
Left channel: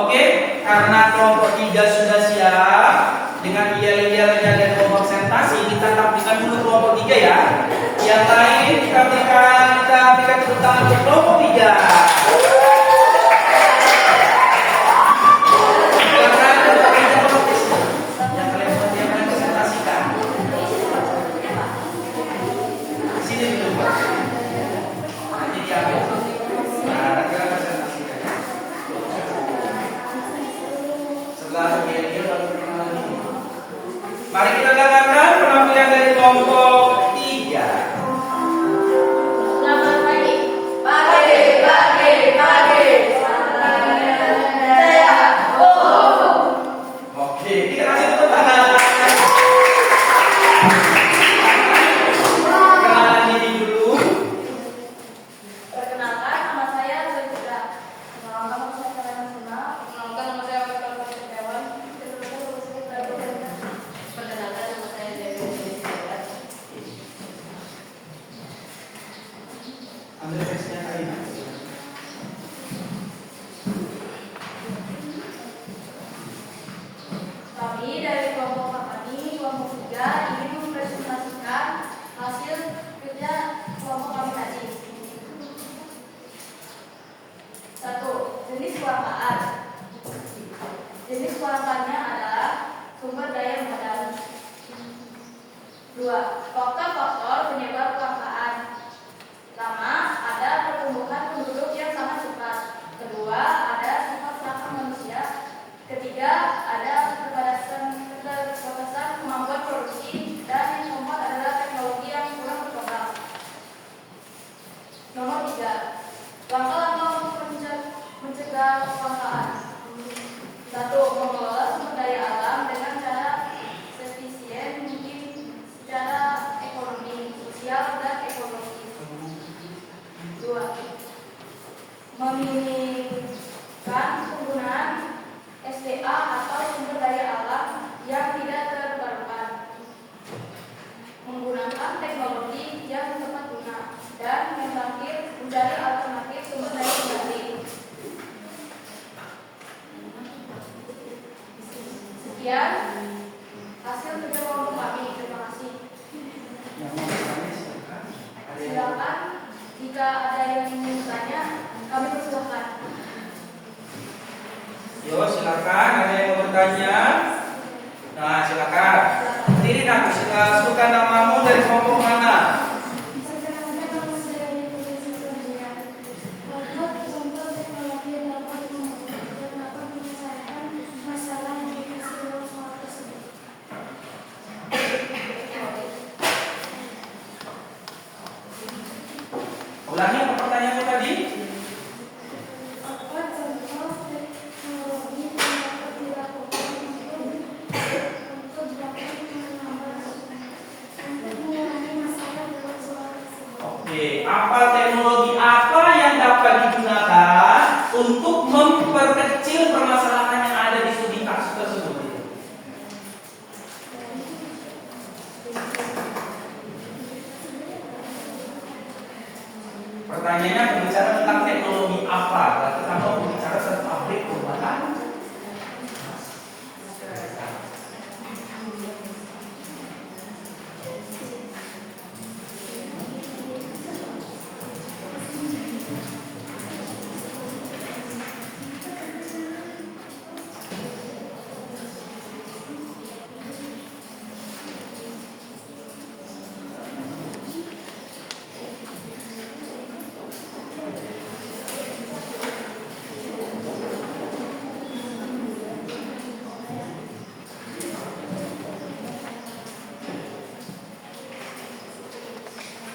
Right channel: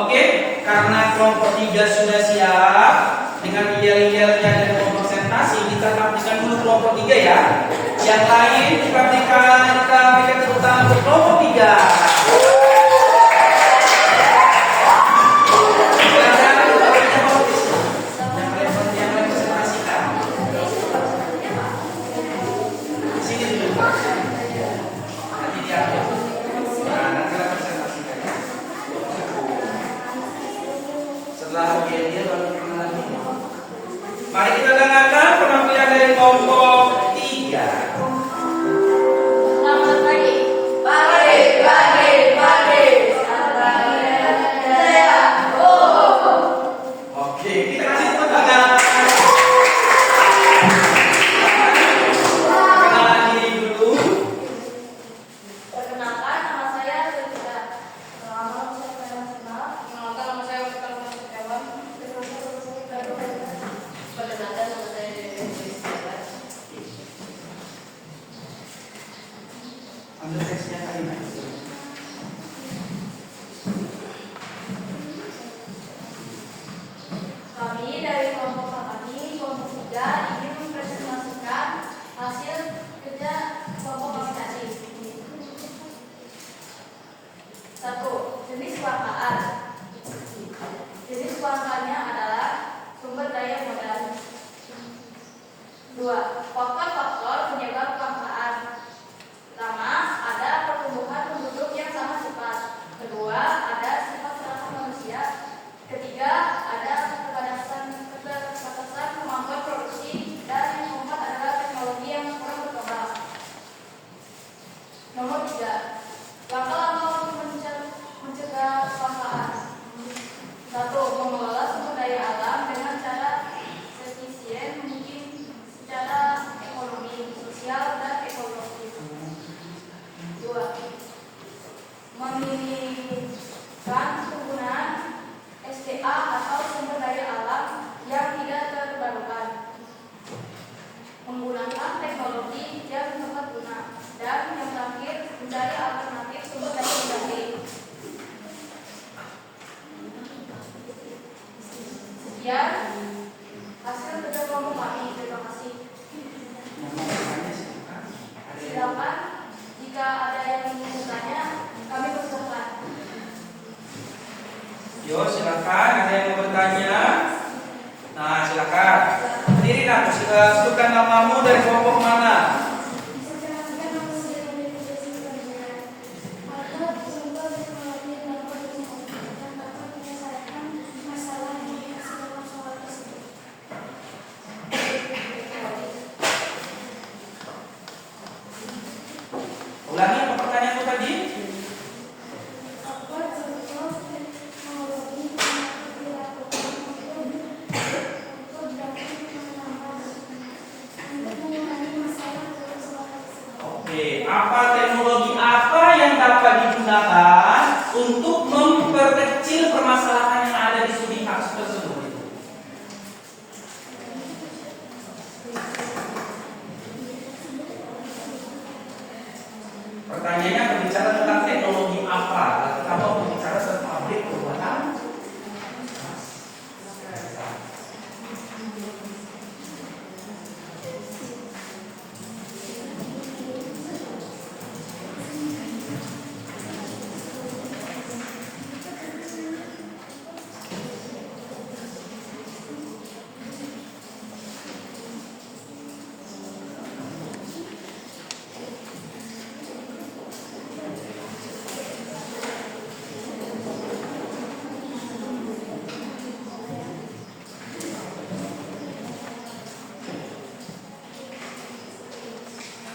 Oke, karena kelompok 3 sudah siap dengan yel-yelnya dan kelompok presentasi, kita tampilkan dulu kelompok 3 ya. Yang lain kita berikan tepuk tangan untuk kelompok 3. Silakan yang kalian presentasikan. Sini dulu Pak. Nanti diambil. Nah, nanti kalian presentasikan ya. Setelah dia baru perkenalan ini. Mari kita dengarkan penampilan dari kelompok 3. Selamat pagi. Pagi, pagi, pagi. Selamat pagi. Saya. Oke, kita kasih tepuk tangan. Kenalan diri dulu. Perkenalkan, nama saya Lutfi. Nama saya Nasima. Nama saya Betul Setiawan. Perkenalkan, nama saya Dewi Setiawan. Ambil teksnya kali ini. Kami dari kelompok kami, kelompok 3, ingin mempresentasikan hasil kerja kelompok kami tadi. 1. Jenis kelangkaan. Jenis kelangkaannya adalah sumber daya modal. 2. Faktor-faktor penyebab kelangkaan. Pertama, ada pertumbuhan penduduk yang sangat cepat. Kedua, ada sifat serakah manusia. Ketiga, ada keterbatasan kemampuan produksi. Dan yang keempat adalah teknologi yang kurang berkembang. Nomor 3. Langkah-langkah untuk mencegah kelangkaan. 1. Mengelola sumber daya alam dengan cara efisien mungkin secara ekonomi, sosial, dan ekologi. 2. Meminimalisir penggunaan SDA atau sumber daya alam yang tidak terbarukan. Menggunakan teknologi yang tepat guna. Dan yang terakhir, mencari alternatif sumber daya pengganti. Sekian hasil kerja kelompok kami. Terima kasih. Yang mau bertanya silakan. Ada yang Silakan jika ada yang ingin bertanya, kami persilahkan. Yo, silakan. Ada yang mau bertanya? Nah, silakan. Berdiri nak. Sebutkan namamu dari kelompok mana? Ulangi apa pertanyaanmu tadi? Oke, apa teknologi apa yang dapat digunakan untuk memperkecil permasalahan yang ada di studi kasus tersebut? Pertanyaannya berbicara tentang teknologi apa? Lalu kamu berbicara tentang pabrik perubahan.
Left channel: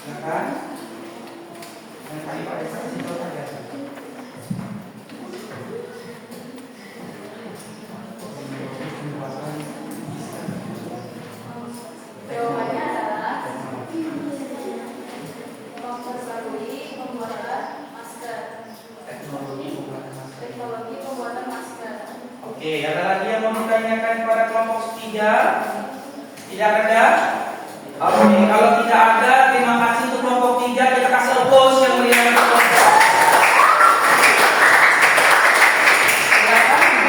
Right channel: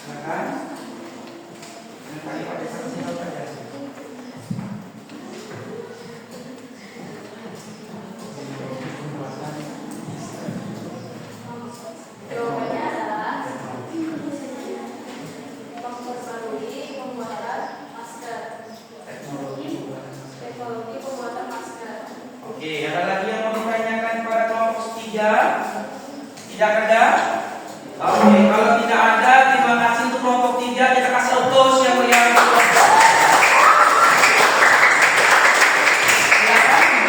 Silakan. Yang tadi pakai tinggal saja. Jawabannya adalah memperbarui pembuatan masker. Teknologi pembuatan masker. Oke, ada lagi yang mau ditanyakan kepada kelompok 3? Tidak ada? Oke, kalau tidak ada, terima kasih untuk kelompok 3. Kita kasih applause yang meriah untuk kelompok. Silakan.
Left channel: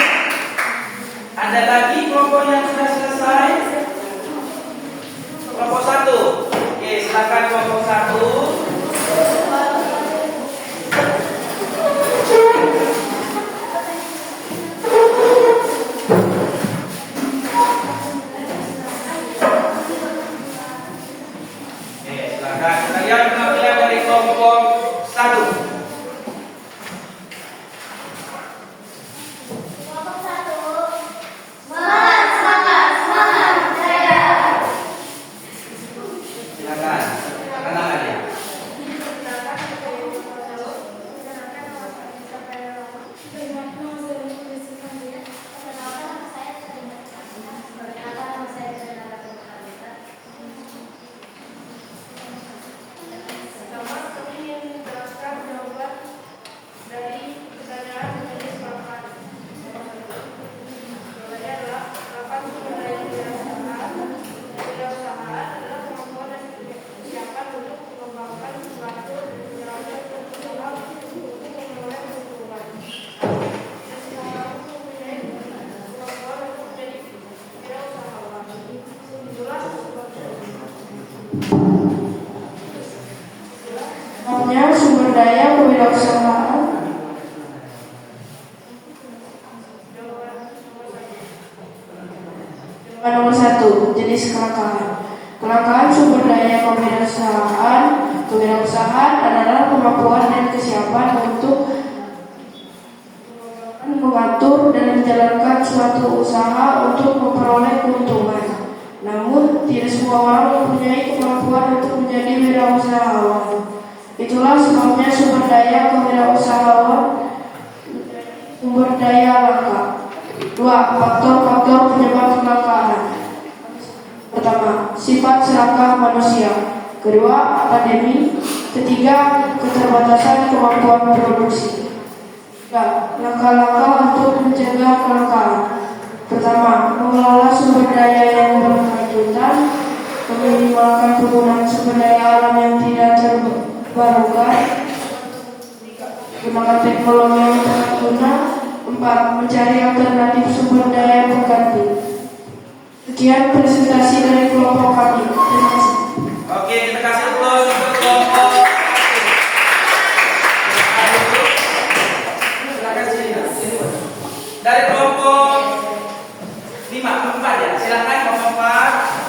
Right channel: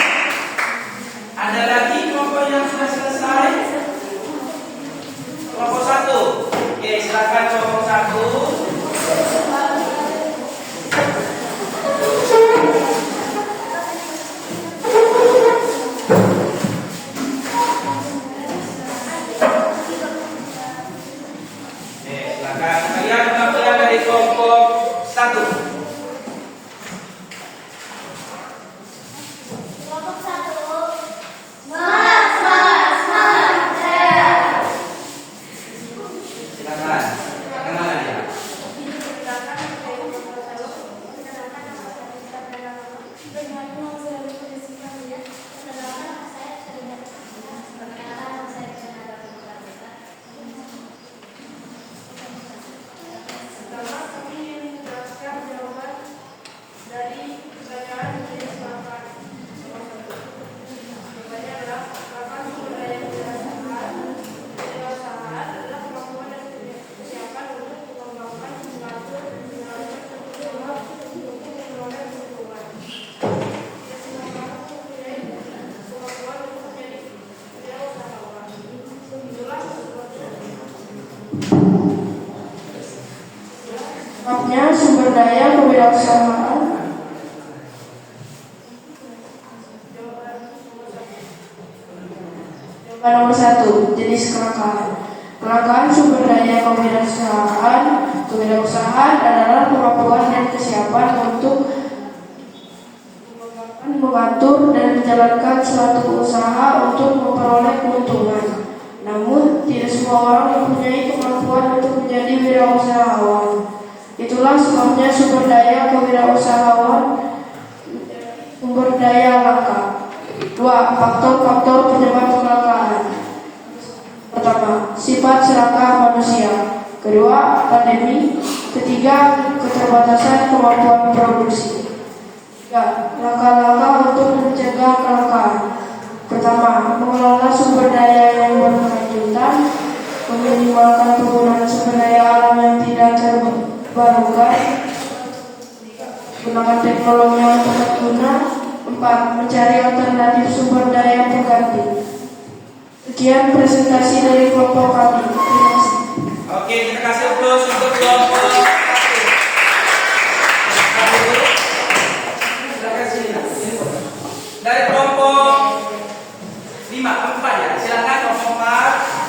Sebabnya sumber daya kewirausahaan. Jawaban nomor 1, jenis kelangkaan. Kelangkaan sumber daya kewirausahaan adalah kemampuan dan kesiapan untuk mengatur dan menjalankan suatu usaha untuk memperoleh keuntungan. Namun, tidak semua orang mempunyai kemampuan untuk menjadi wirausahawan. Itulah sebabnya sumber daya kewirausahaan sumber daya langka. 2. Faktor-faktor penyebab kelangkaan. Pertama, sifat serakah manusia. Kedua, pandemi. Ketiga, keterbatasan kemampuan produksi. 3. Langkah-langkah untuk mencegah kelangkaan. Pertama, mengelola sumber daya yang berkelanjutan, meminimalkan penggunaan sumber daya alam yang tidak terbarukan, gunakan teknologi yang tepat guna. 4. Mencari alternatif sumber daya pengganti. Sekian presentasi dari kelompok kami. Terima kasih. Oke, kita kasih aplaus untuk kelompok. Silakan sini. Dari kelompok 4 ya. Silakan kelompok 4.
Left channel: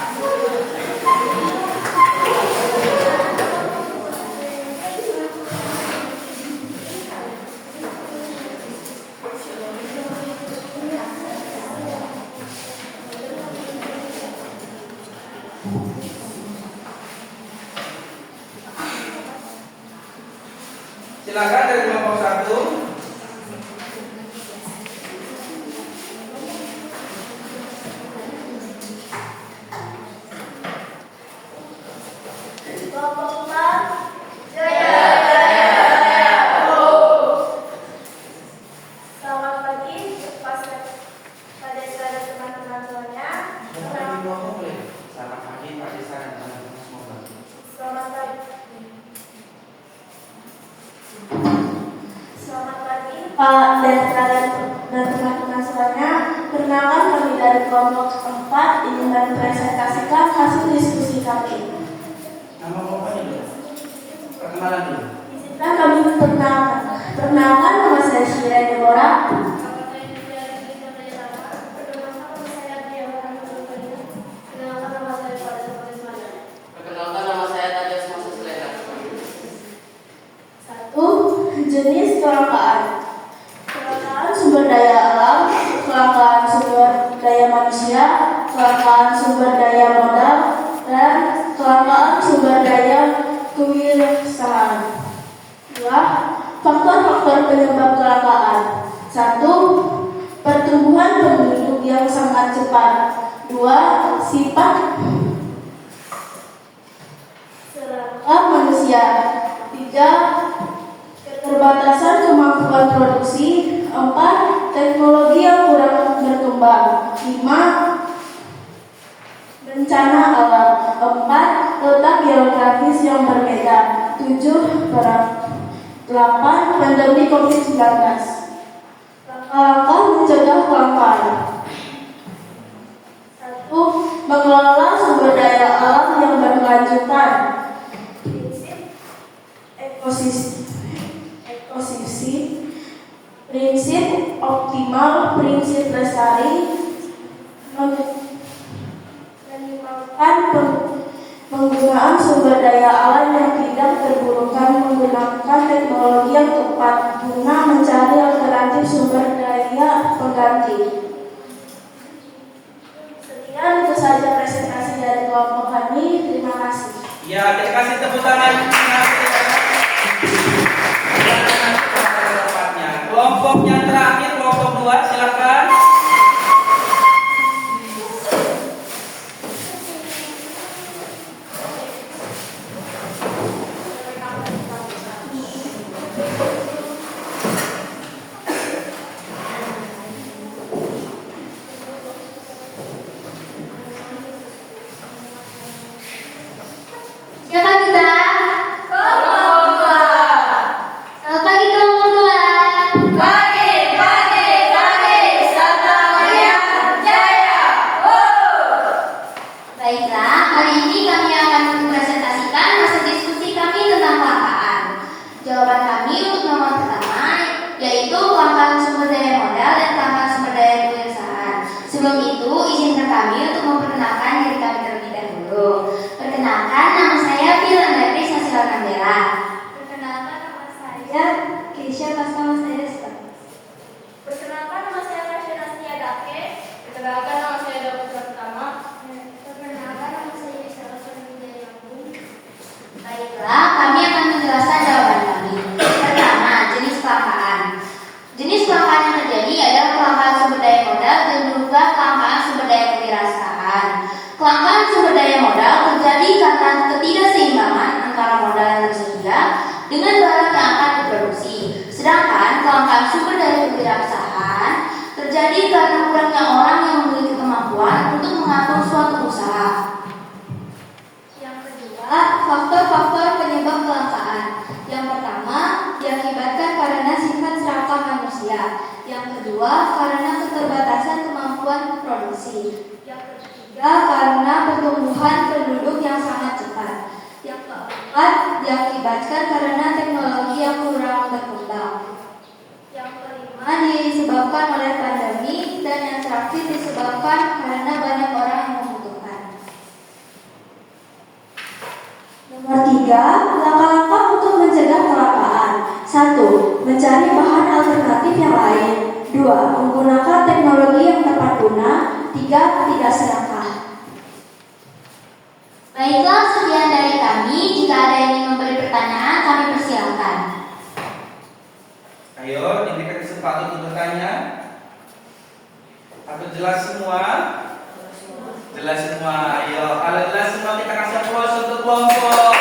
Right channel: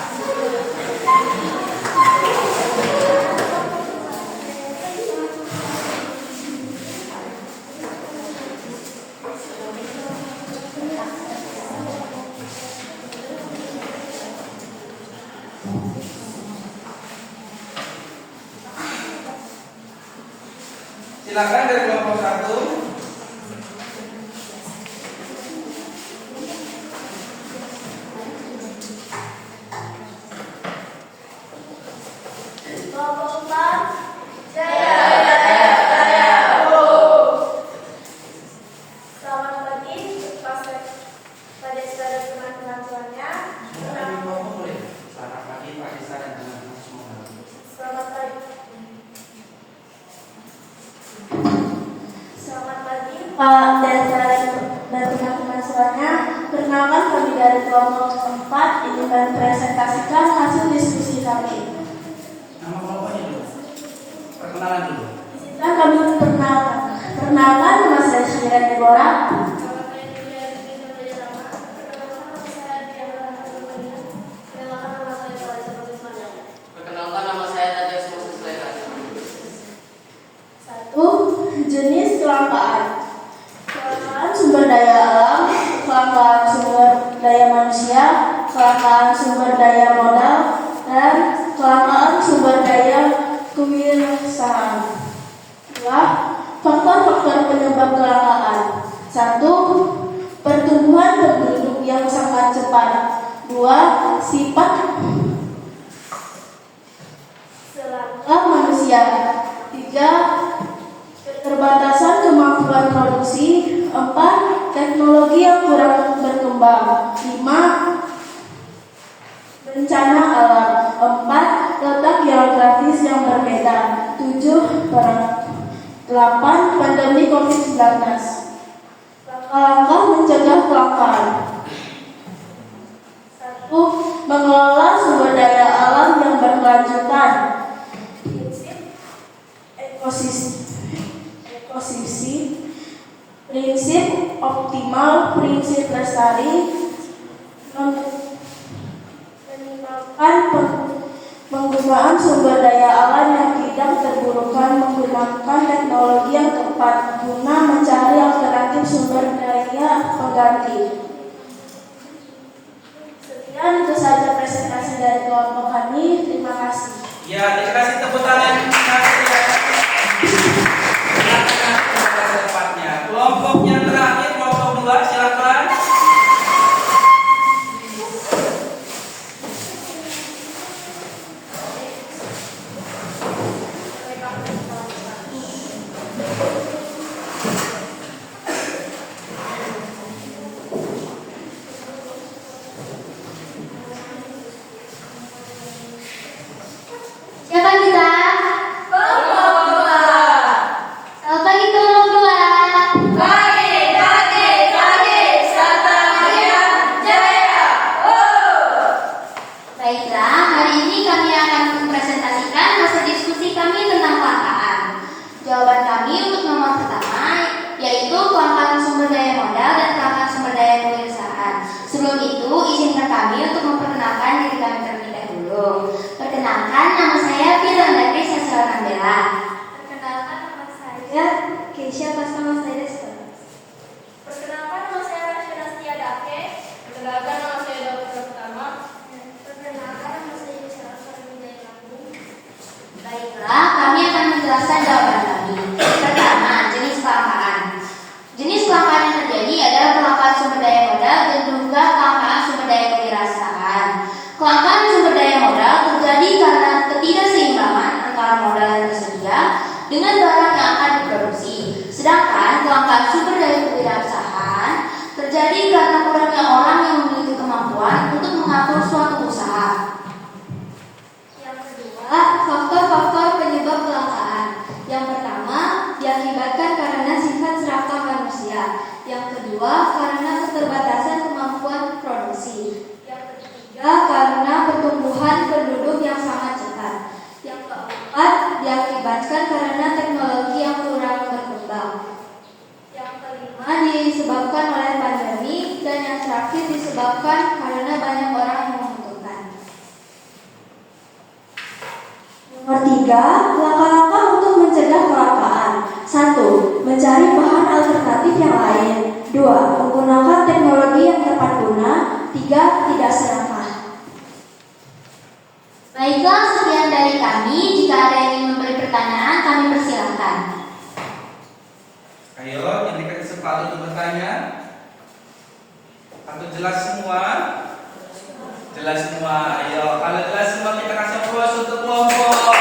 Silakan dari kelompok 1. Pak dan teman-teman semuanya, perkenalkan kami dari kelompok 4 ingin mempresentasikan hasil diskusi kami. Nama kelompoknya dulu. Perkenalan dulu. Dan kami perkenalkan nama saya Syira Deborah. Perkenalkan nama saya Tajos Moses Lera. 1. Jenis kelangkaan. Kelangkaan sumber daya alam, kelangkaan sumber daya manusia, kelangkaan sumber daya modal, dan kelangkaan sumber daya kewirausahaan. 2. Faktor-faktor penyebab kelangkaan. 1. Pertumbuhan penduduk yang sangat cepat. 2. Sifat serakah manusia. 3. Keterbatasan kemampuan produksi. 4. Teknologi yang kurang berkembang. 5. Bencana alam. 4. Letak geografis yang berbeda. 7. Perang. 8. Pandemi COVID-19. Langkah-langkah mencegah kelangkaan. 1. Mengelola sumber daya alam yang berkelanjutan. Prinsip ekosistem, prinsip optimal, prinsip lestari, minimalkan penggunaan sumber daya alam yang tidak terburukan, menggunakan teknologi yang tepat guna mencari alternatif sumber daya pengganti. Sekian itu saja presentasi dari kelompok kami. Terima kasih. Ya, kita kasih tepuk tangan. Kelompok yang terakhir, kelompok 2, silakan. Silakan kita. terjadi karena kurangnya orang yang memiliki kemampuan untuk mengatur suatu usaha. Yang kedua, faktor-faktor penyebab kelangkaan. Yang pertama, diakibatkan karena sifat serakah manusia. Yang kedua, karena keterbatasan kemampuan produksi. Yang ketiga, karena pertumbuhan penduduk yang sangat cepat. Yang keempat, diakibatkan karena teknologi yang kurang berkembang. Yang kelima, disebabkan oleh pandemi. Dan yang terakhir, disebabkan karena banyak orang yang membutuhkan. Nomor 3, langkah-langkah untuk mencegah kelangkaan. 1. Mencari bahan alternatif yang lain. 2. Menggunakan teknologi yang tepat guna. 3. Tidak serakah. Baiklah, sekian dari kami. Jika ada yang ingin memberi pertanyaan, kami persilakan. Ayo, diberikan kesempatan untuk bertanya. Atau jelas semua? Jelas semua. Ayo, kalau jelas semua kita kasih aplaus untuk kelompok.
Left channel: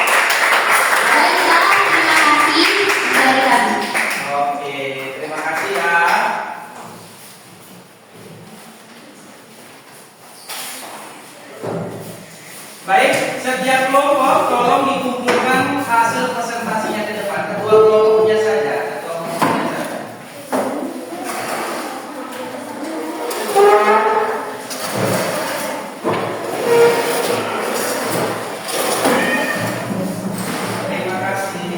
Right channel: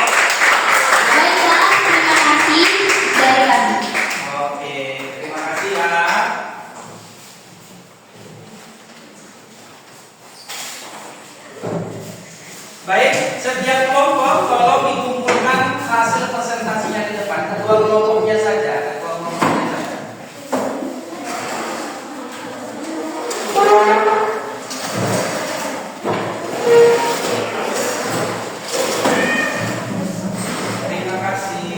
Baiklah, terima kasih dari kami. Oke, terima kasih ya. Baik, setiap kelompok tolong dikumpulkan hasil presentasinya di depan. Kedua kelompoknya saja. Terima kasih.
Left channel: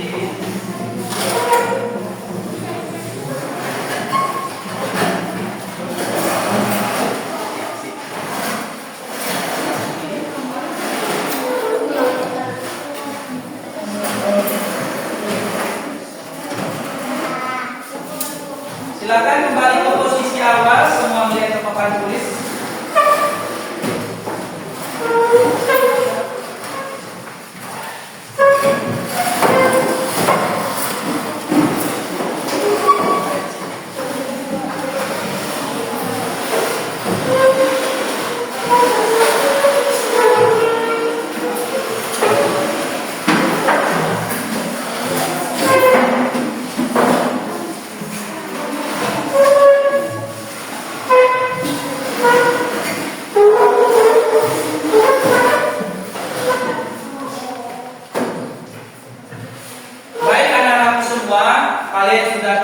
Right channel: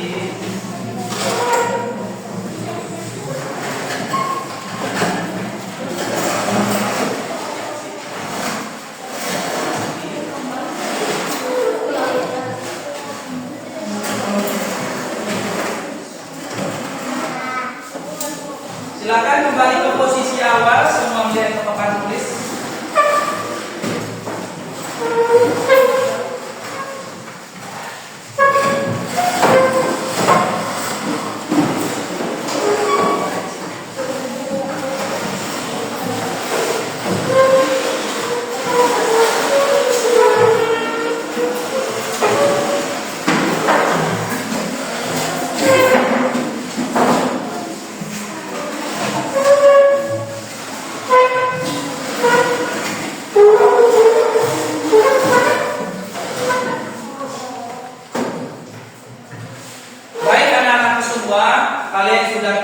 Silakan kembali ke posisi awal, semua melihat ke papan tulis. Baik anak-anak semua, kalian sudah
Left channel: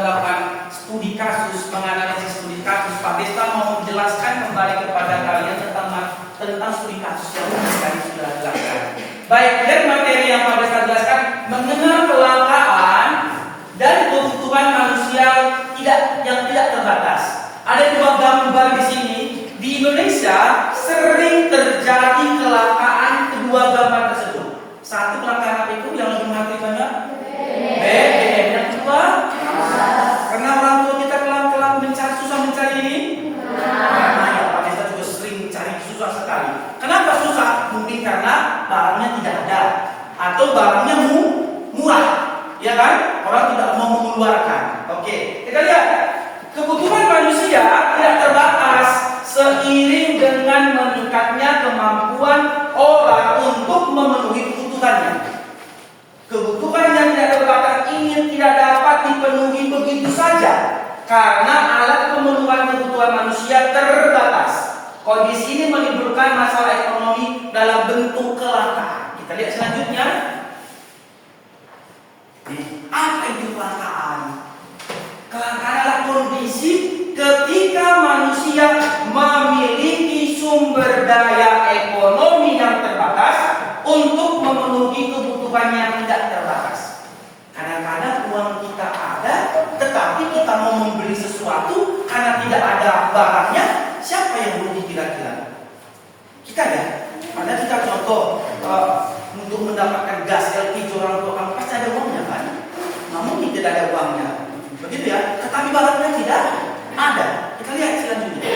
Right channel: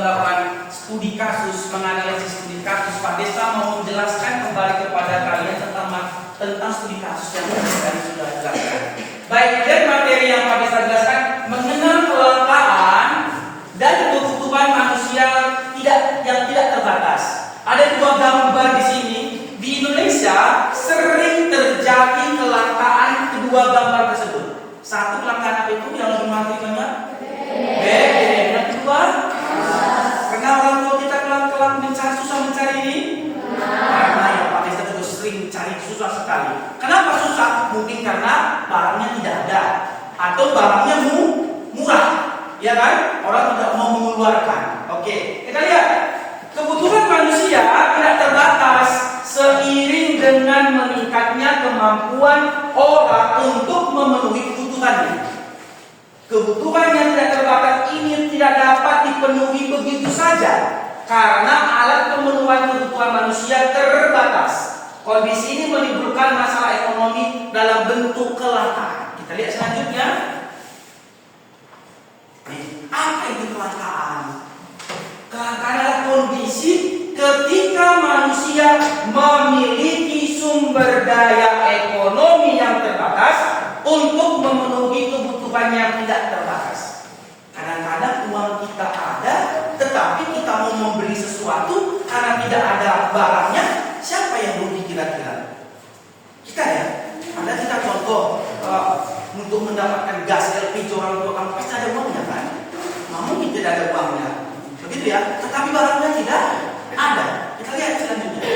melakukan studi kasus, menganalisis studi kasus. Pak Desta mau menjelaskan kembali kepada kalian tentang studi kasus yang tadi sudah dijelaskan. Baik, dan materi yang Pak Desta jelaskan mengenal kelangkaan dan kebutuhan manusia yang tidak terbatas. Ada dua gambar di sini. Di Indonesia sering terjadi kelangkaan kedua gambar tersebut. Satu kelangkaan apa itu yang lebih menghargai banyak? BBM. Yang kedua, karena orang tua kita susah mencari ini. Karena ya Pak Desta juga sering cari susah sekali. Kenapa susah? Mungkin karena barangnya tidak ada atau barangnya murah, ya kan? Orang tidak mau mengeluarkan. Oke, kita lihat kebutuhan manusia tidak terbatas seiring dengan meningkatnya kemampuan orang untuk memenuhi kebutuhannya. Kebutuhan yang tidak terbatas ini tidak dapat dipenuhi begitu saja karena alat pemenuhan kebutuhan manusia terbatas. Kondisi ini menimbulkan masalah ekonomi dalam bentuk kelangkaan. Kita lihat selanjutnya. Apa itu kelangkaan? Kelangkaan adalah kondisi ketika manusia memiliki sumber daya ekonomi yang terbatas untuk memenuhi kebutuhan yang tidak terbatas. Kadang-kadang uang kita ada, tetapi kita mau membeli sesuatu karena tidak ada barangnya. Siapa yang rugi kira-kira? Kita ya. Ada kita contoh untuk mendapatkan gas LPG orang tua kamu pasti ada uangnya kan? Mungkin tidak ada uangnya, begitu ya. Tetapi barangnya tidak ada. Kita lihat selanjutnya.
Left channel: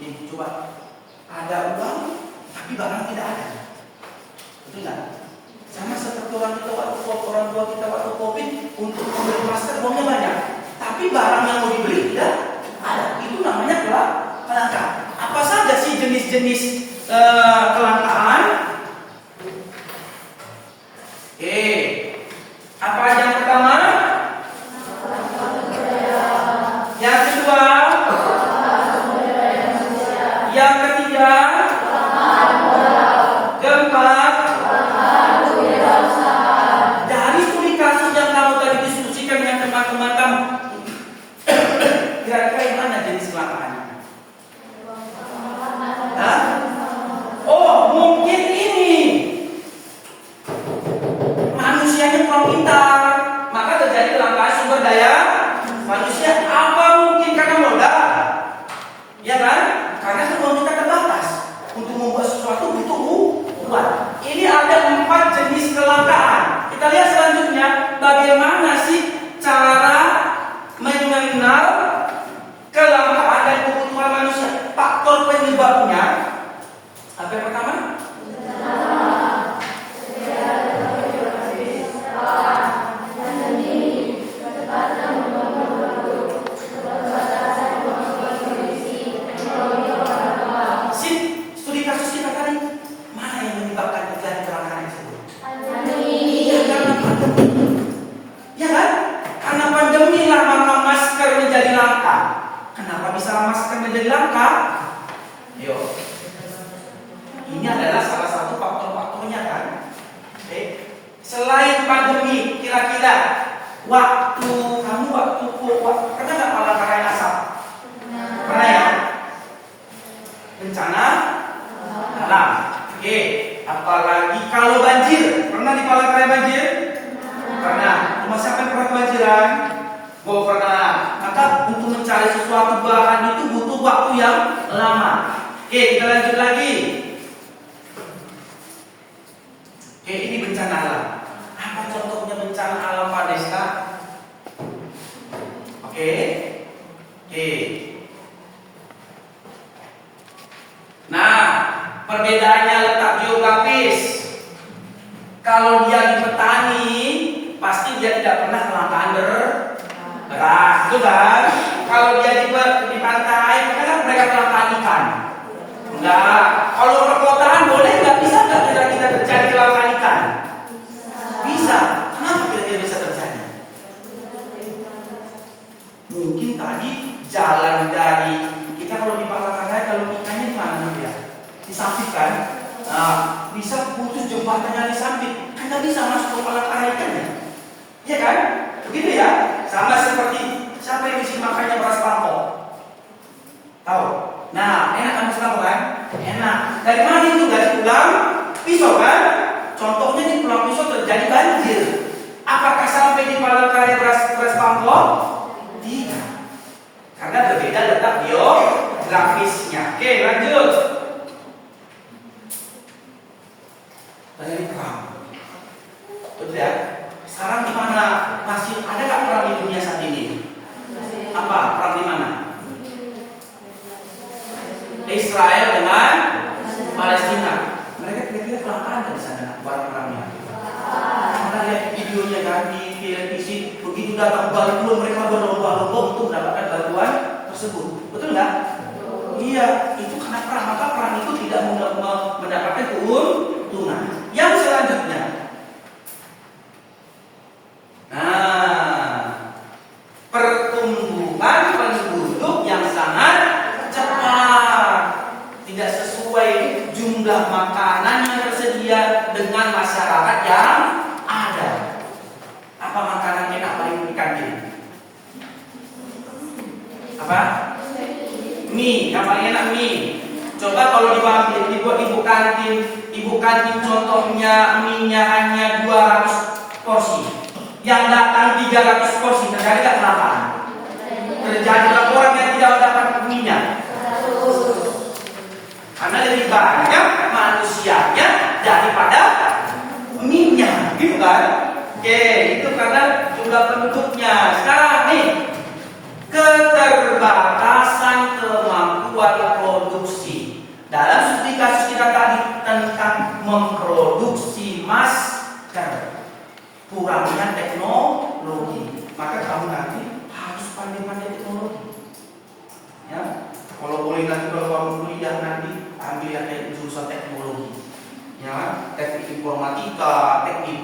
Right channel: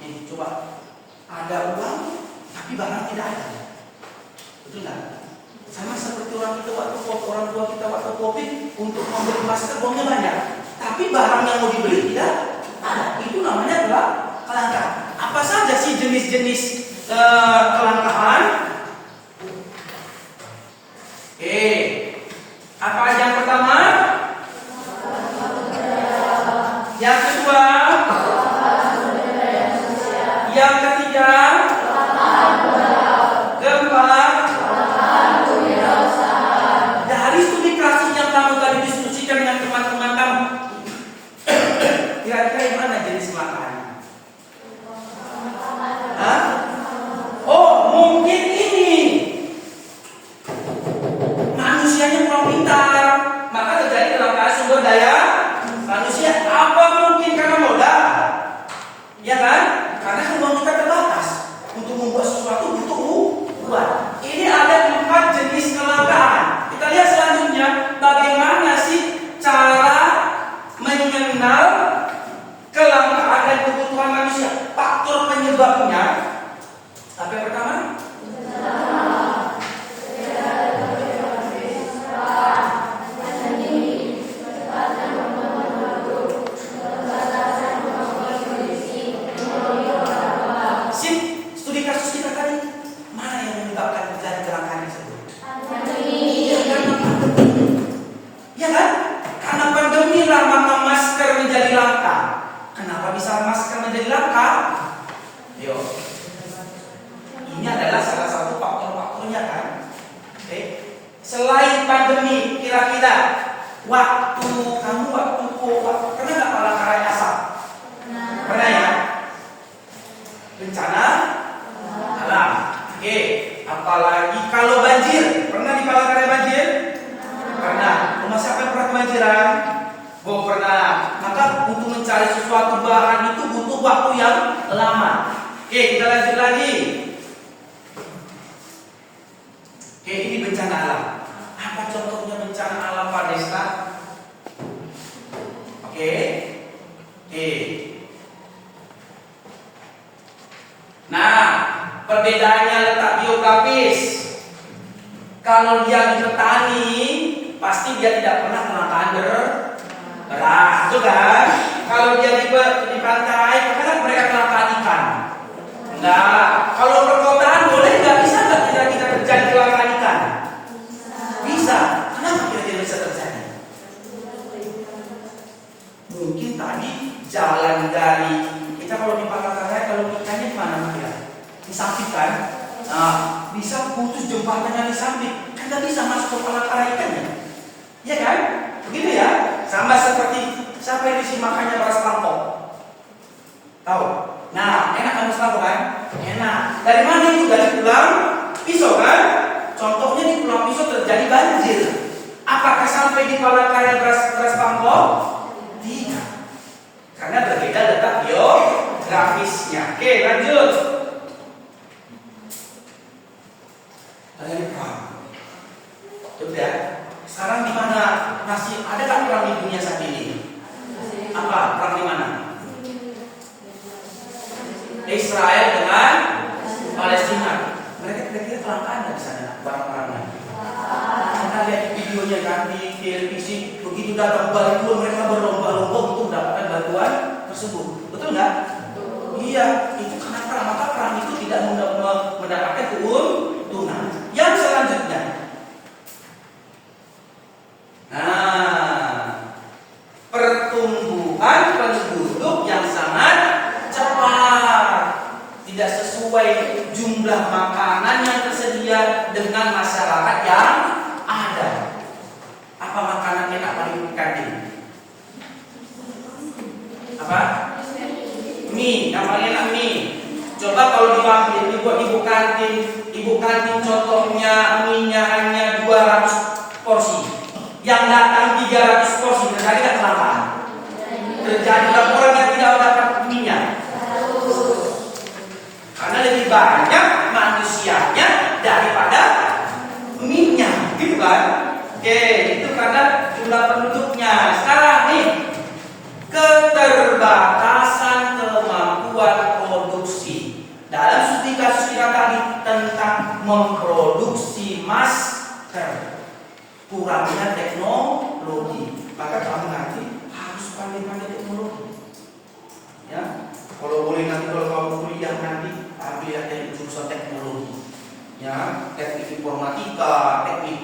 Ini coba ada uang, tapi barang tidak ada. Betul nggak? Sama seperti orang tua kita waktu COVID untuk membeli masker uangnya banyak, tapi barang yang mau dibeli tidak ada. Itu namanya kelangkaan. Apa saja sih jenis-jenis kelangkaan? Apa yang Yang kedua, yang ketiga, keempat, dari studi kasus yang kamu tadi diskusikan dengan teman-teman kamu, kira-kira mana jenis kecelakaannya? Hah? Oh, mungkin ini manusianya kurang pintar, maka terjadi kelangkaan sumber daya manusia. Apa mungkin karena modal? Ya kan? Karena kemampuan kita terbatas untuk membuat sesuatu itu kuat. Ini ada 4 jenis kelangkaan. Kita lihat selanjutnya bagaimana sih cara mengenal kelangkaan dan kebutuhan manusia. Faktor penyebabnya. Apa yang pertama? Studi kasus kita tadi, mana yang menyebabkan kelangkaan tersebut? Ya kan? Karena pandemi lah maka masker menjadi langka. Kenapa bisa masker menjadi langka? Yo, ini adalah salah satu faktor-faktornya kan. Oke. Selain pandemi, kira-kira waktu karena nggak palangkaraya asap? Pernah ya? Bencana alam. Oke. Apalagi kalau banjir, pernah di Palangkaraya banjir? Pernah. Rumah siapa yang pernah kebanjiran? Oh pernah. Maka untuk mencari sesuatu bahan itu butuh waktu yang lama. Oke, kita lanjut lagi. Oke, ini bencana alam. Apa contohnya bencana alam Pak Desta? Oke. Nah, perbedaannya letak geografis. Kalau dia di petani, pasti dia tidak pernah kelangkaan beras, betul kan? Kalau dia di pantai, kadang mereka kelangkaan ikan. Enggak. Kalau perkotaan boleh nggak? Bisa nggak kira-kira terjadi kelangkaan ikan? Bisa. Kenapa kira-kira bisa terjadi? Mungkin tadi jalan dari kita kalau di Palangkaraya, kalau ikannya di mana ya? Di Sampit kan? Nah, bisa putus jembatannya di Sampit, kan nggak bisa masuk ke Palangkaraya ikannya, ya kan? Begitu ya? Sama seperti siapa yang isi makannya beras pangkok? Tahu? Nah, enak kan beras pangkok kan? Enak. Dari mana itu? Dari tulang pisau kan? Contohnya di tulang pisau terjadi banjir. Apakah sampai di Palangkaraya beras pangkok? Tidak. Karena berbeda letak geografisnya. Oke, lanjut. Dari perang. Betul ya? Sekarang di mana masih ada nggak perang di dunia saat ini? Apa perang di mana? Israel dengan Palestina. Mereka kira-kira kelangkaan dari sana barang-barangnya. Kita lihat videonya kan di televisi, begitu datang bantuan mereka berlomba-lomba untuk mendapatkan bantuan tersebut. Betul nggak? Iya, itu karena perang. Maka perang itu tidak mendapatkan keuntungan. Yang selanjutnya, pertumbuhan penduduk yang sangat cepat, tidak sesuai jumlah makanan yang tersedia dengan masyarakat yang ada. Apa makanan enak paling di kantin? Apa? Mie, yang paling enak mie. Coba kalau dibuat ibu kantin contohnya mie-nya hanya 200 porsi. Yang datang 300 porsi, terjadi nggak kelangkaan? Terjadi laporan yang tidak dapat mie-nya. Karena lebih banyak manusianya daripada mie-nya, gitu kan? Oke, itu karena jumlah penduduknya. Sekarang nih, keterbatasan kemampuan produksi. Dalam studi kasus kita tadi tentang memproduksi masker, kurangnya teknologi, maka kamu nanti harus pandai-pandai teknologi. Ya, kalau boleh nanti kalau kamu kuliah nanti ambil yang teknik jurusan teknologi. Ya, teknik informatika, teknik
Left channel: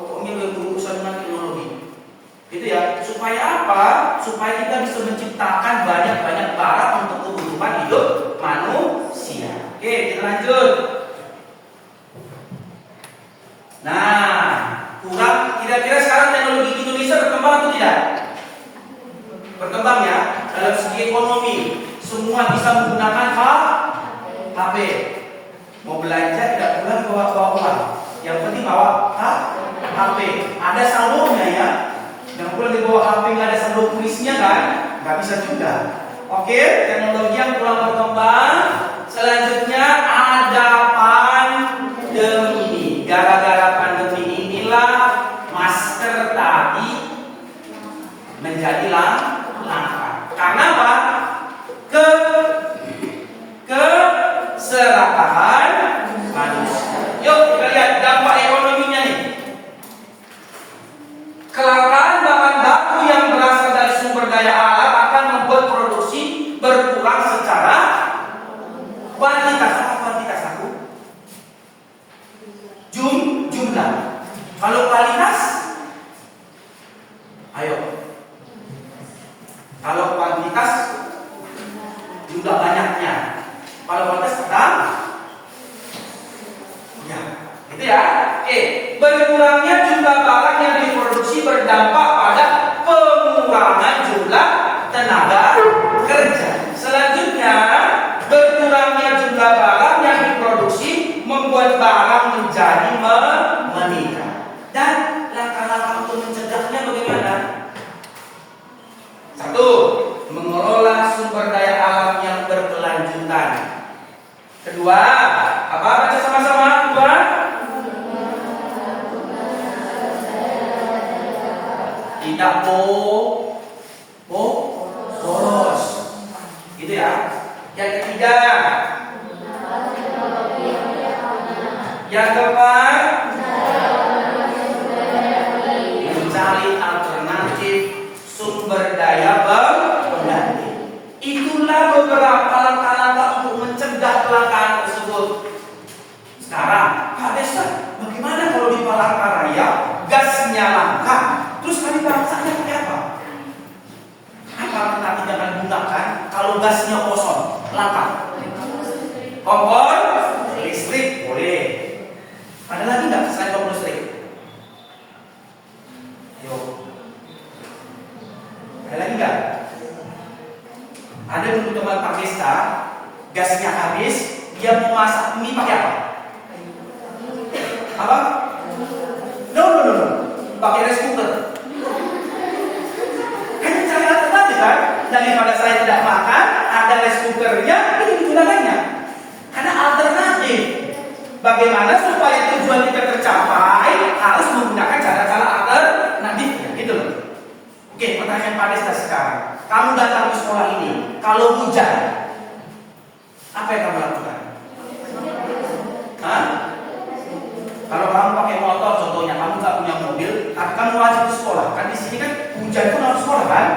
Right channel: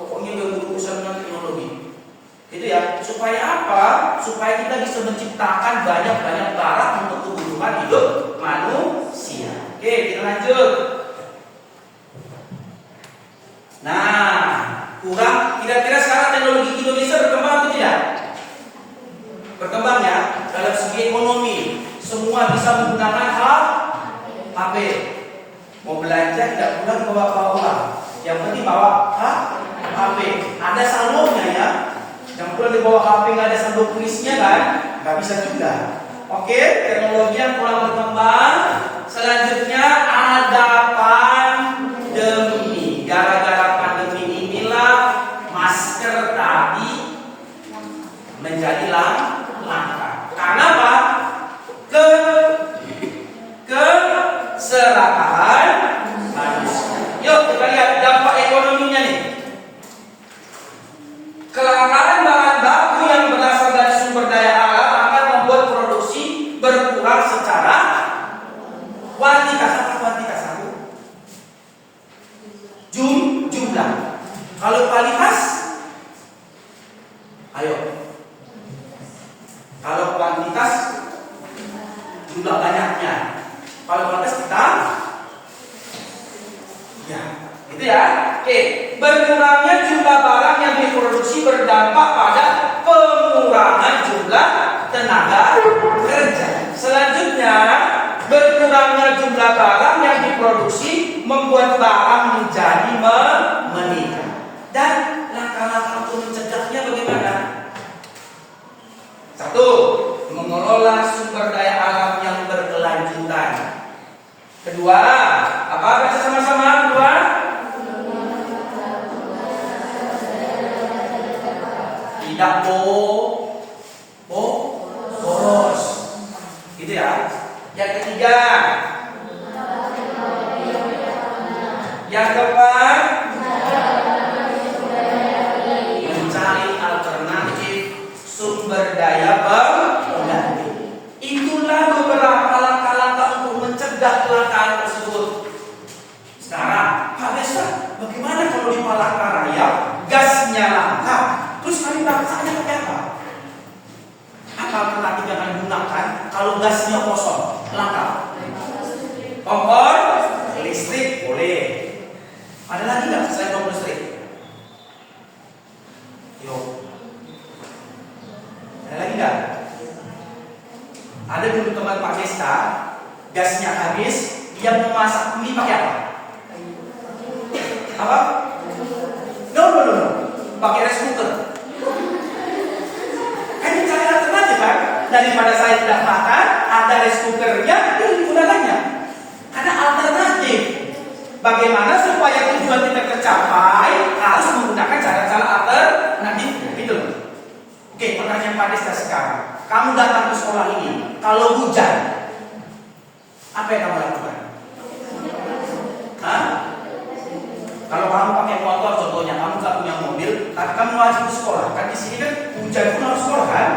pokoknya berurusan dengan teknologi. Gitu ya, supaya Supaya apa? Supaya kita bisa menciptakan banyak-banyak barang untuk kebutuhan hidup manusia. Oke, kita lanjut. Nah, kurang kira-kira sekarang teknologi Indonesia berkembang atau tidak? Berkembang ya, dalam segi ekonomi. Semua bisa menggunakan HP. Mau belanja tidak perlu bawa uang. Yang penting bawa HP. Ada saldonya ya. Yang perlu dibawa HP nggak ada saldo tulisnya kan? Nggak bisa juga. Oke, teknologi yang kurang berkembang. Selanjutnya ada pandemi. Gara-gara pandemi inilah masker tadi menjadi langka. Karena apa? Keserakahan manusia. Yuk kita lihat dampak ekonominya nih. Kelangkaan bahan baku yang berasal dari sumber daya alam akan membuat produksi berkurang secara kuantitas. Apa kuantitas aku? Jumlah. Kalau kualitas, ayo. Kalau kuantitas, jumlah banyaknya. Kalau kualitas kita, ya, gitu ya. Oke, berkurangnya jumlah barang yang diproduksi berdampak pada pengurangan jumlah tenaga kerja. Selanjutnya, berkurangnya jumlah barang yang diproduksi membuat barang menjadi meningkat. Dan langkah-langkah untuk mencegahnya bagaimana? Satu, mengelola sumber daya alam yang berkelanjutan. Kedua, apa? Baca sama-sama. Kedua, tidak boros. Gitu ya. Yang ketiga, yang keempat, mencari alternatif sumber daya pengganti. Itulah beberapa langkah-langkah untuk mencegah kelangkaan tersebut. Sekarang, Pak Desa, bagaimana kalau di Palangkaraya gasnya langka? Terus kali bangsanya pakai apa? Apa alternatif yang akan digunakan kalau gasnya kosong, langka? Kompor listrik boleh. Ada lagi nggak selain kompor listrik? Yuk. Ada lagi nggak? Ada dulu teman Pak Desta, gasnya habis, dia mau masak mie pakai apa? Apa? No. Pakai rice cooker. Kan cari alternatif kan? Daripada saya tidak makan, ada rice cookernya, ini gunakannya. Ada alternatif. Bagaimana supaya tujuan kita tercapai harus menggunakan cara-cara alternatif, gitu. Oke, pertanyaan Pak Desta sekarang. Kamu datang ke sekolah ini, kalau hujan, apa yang kamu lakukan? Hah? Kalau kamu pakai motor, contohnya kamu nggak punya mobil, tapi kamu wajib ke sekolah. Kan di sini kan hujan pun harus sekolah kan?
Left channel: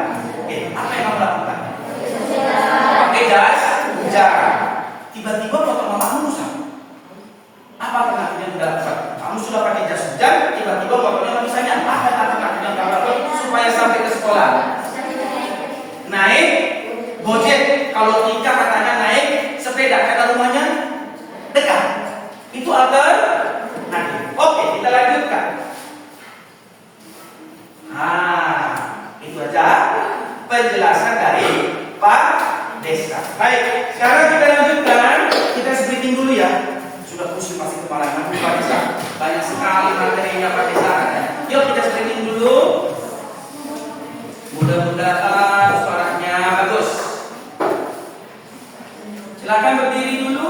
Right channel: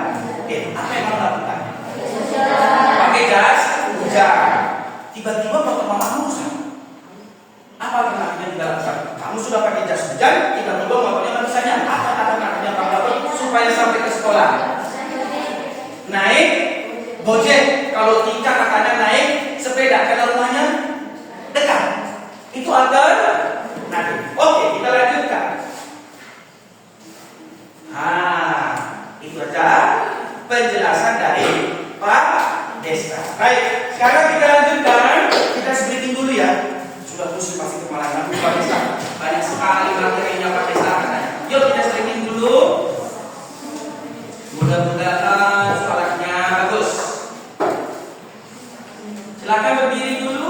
Oke, apa yang kamu lakukan? Pakai jas hujan. Tiba-tiba motor mamamu rusak. Apa alternatif yang tidak lakukan? Kamu sudah pakai jas hujan, tiba-tiba motornya nggak bisa nyala. Apa alternatif yang kamu lakukan supaya sampai ke sekolah? Naik Gojek. Kalau Tika katanya naik sepeda karena rumahnya dekat. Itu alternatif. Oke, kita lanjutkan. Itu aja penjelasan dari Pak Desta. Baik, sekarang kita lanjutkan. Kita splitting dulu ya. Sudah pusing pasti kepalanya Pak Desta. Banyak sekali materinya Pak Desta. Yuk kita splitting dulu. Mudah-mudahan suaranya bagus. Silakan berdiri dulu.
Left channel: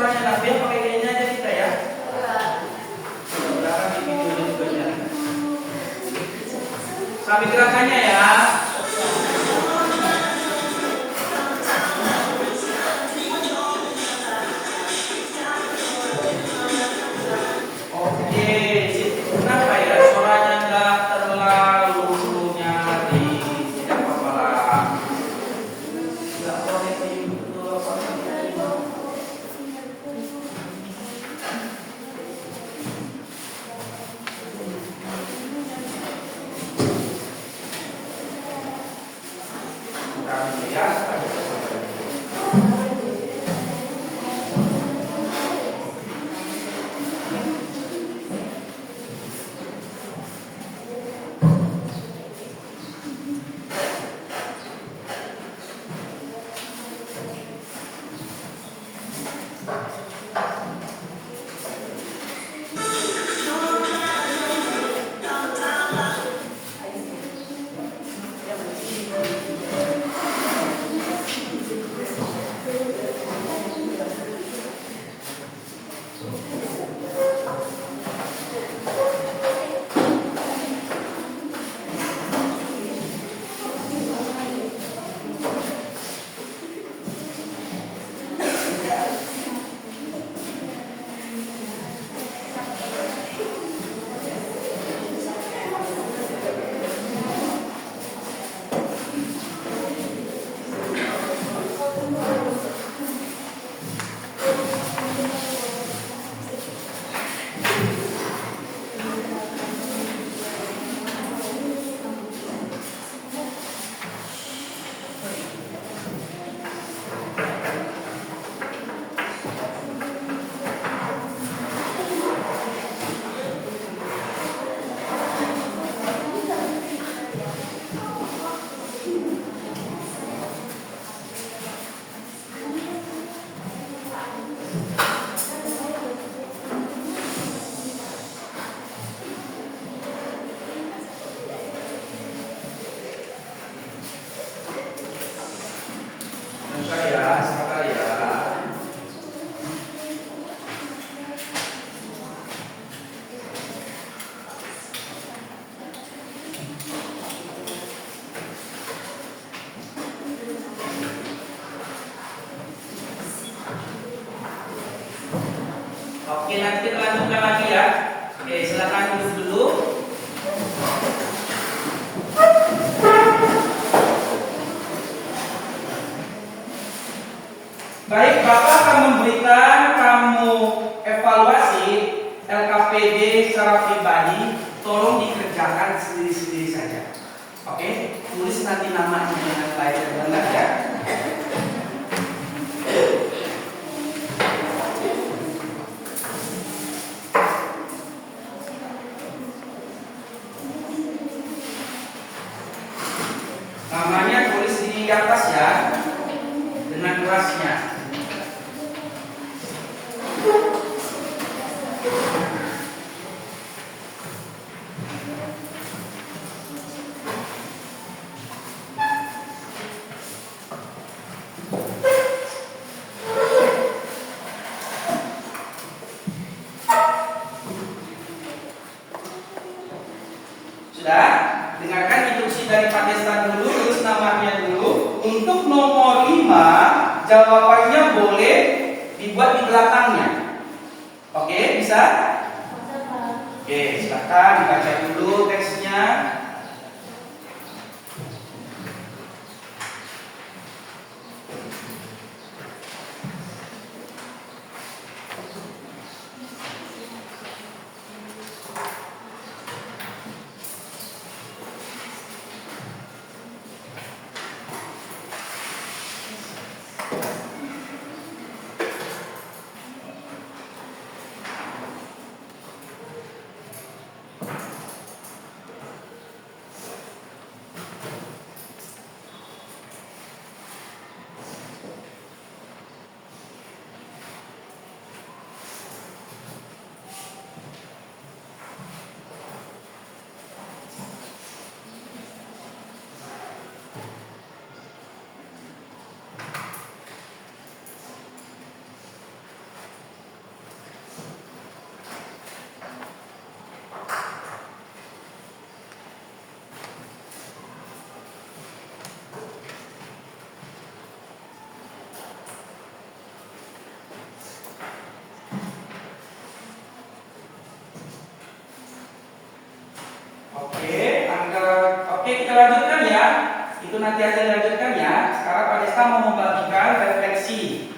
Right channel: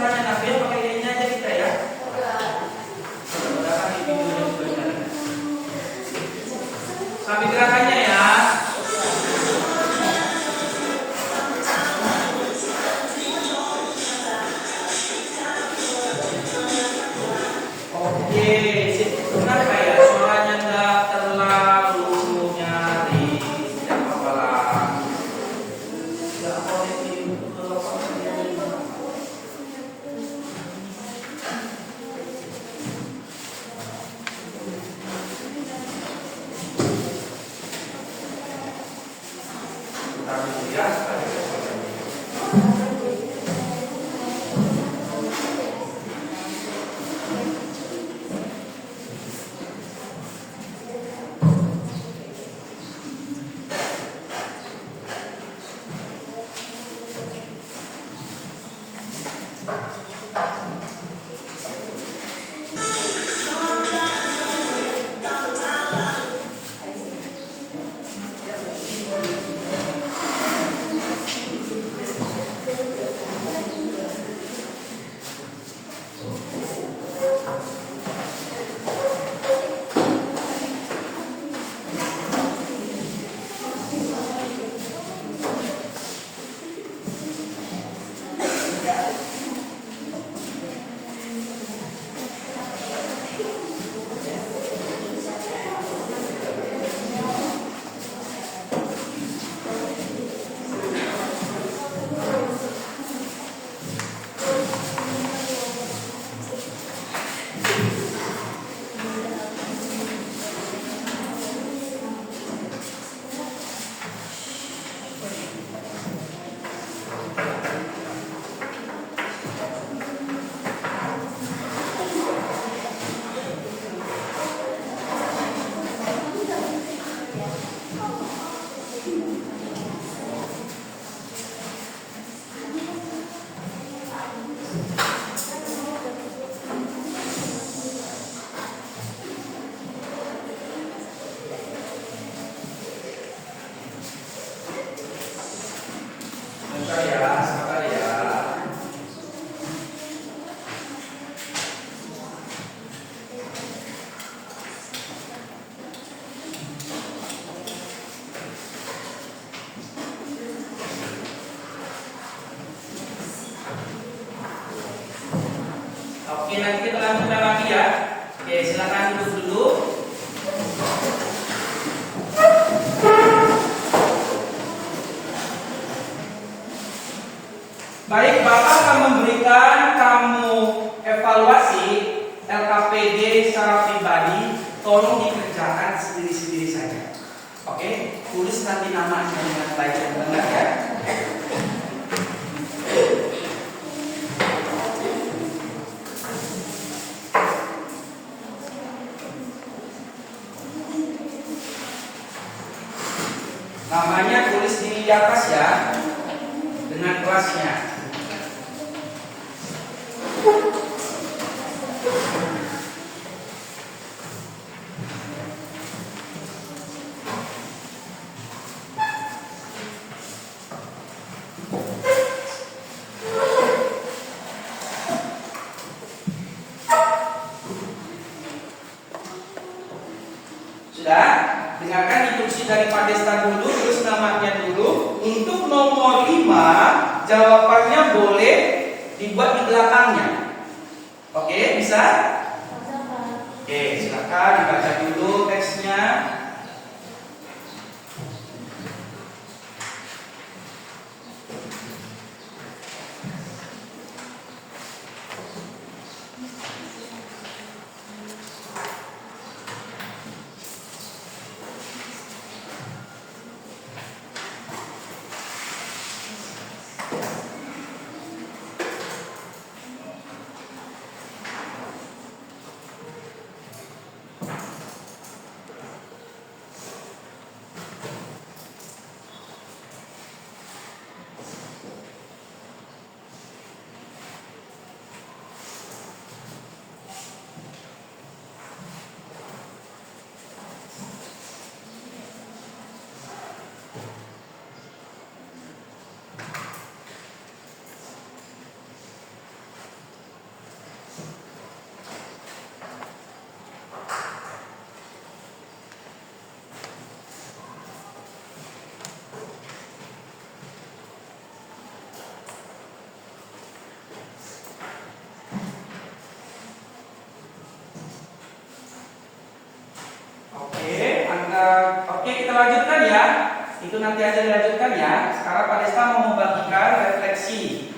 suaranya Nabi, pakai kayaknya aja kita ya. Mudah-mudahan di videonya juga jadi. Sambil gerakannya ya. Oke, kenapa ya suaranya nggak terlalu nyaring? Tidak apa-apa lah. Nggak boleh sabar ya. Oke, nanti kita lanjutkan lagi ya. Oke, silakan duduk dulu. Baik, Bapak akan memberikan kamu evaluasi LKPD secara pribadi. Tolong dikerjakan sendiri-sendiri saja. Oke, tulis nanti namanya dengan baik dan benar ya. Namanya tulis di atas ya, dengan kelasnya. Sudah? Dengarkan instruksi dari Pak Desta dulu, tulis namanya dulu. Untuk nomor 5, jawabannya boleh dibuat di belakangnya. Oke, bisa? Oke, silakan dibaca dulu teksnya. nanti aja dilanjutkan ya. Sekarang Pak Desta mau membagikan refleksi.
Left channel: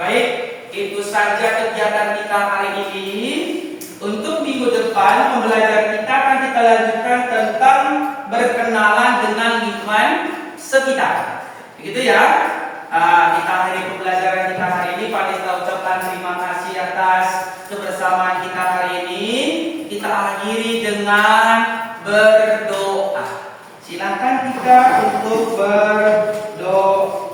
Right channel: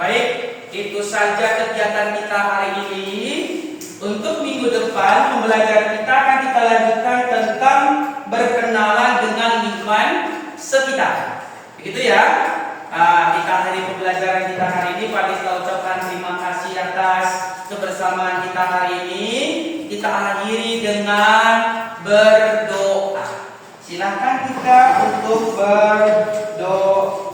Baik, itu saja kegiatan kita hari ini. Untuk minggu depan pembelajaran kita akan kita lanjutkan tentang berkenalan dengan lingkungan sekitar. Begitu ya. Kita hari pembelajaran kita hari ini Pak Desta ucapkan terima kasih atas kebersamaan kita hari ini. Kita akhiri dengan berdoa. Silakan kita untuk berdoa.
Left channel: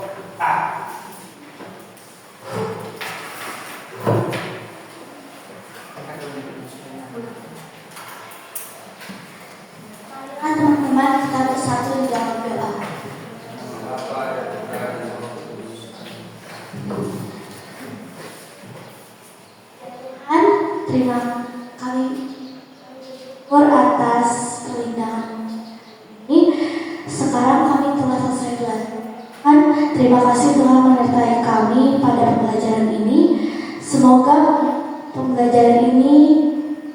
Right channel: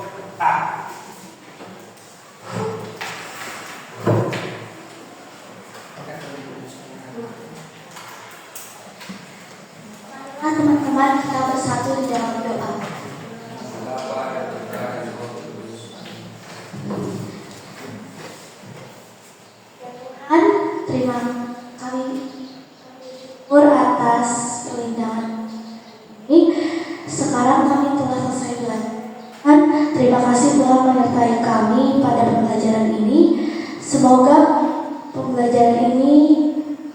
Teman-teman, kita bersatu di dalam doa. Tuhan, terima kami syukur atas perlindungan ini. Sekarang kami telah selesai belajar. Tuhan, terima kasih Tuhan menyertai kami pada pembelajaran ini. Semoga pembelajaran ini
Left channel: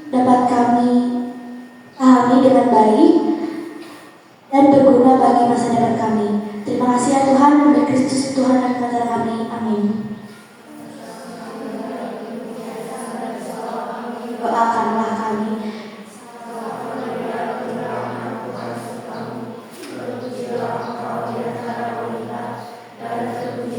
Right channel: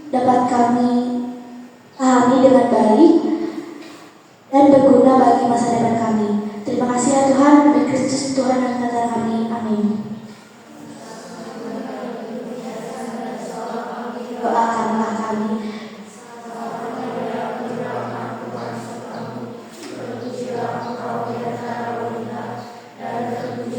dapat kami pahami dengan baik dan berguna bagi masa depan kami. Terima kasih ya Tuhan, demi Kristus Tuhan dan Tuhan kami. Amin. Doakanlah kami. Dan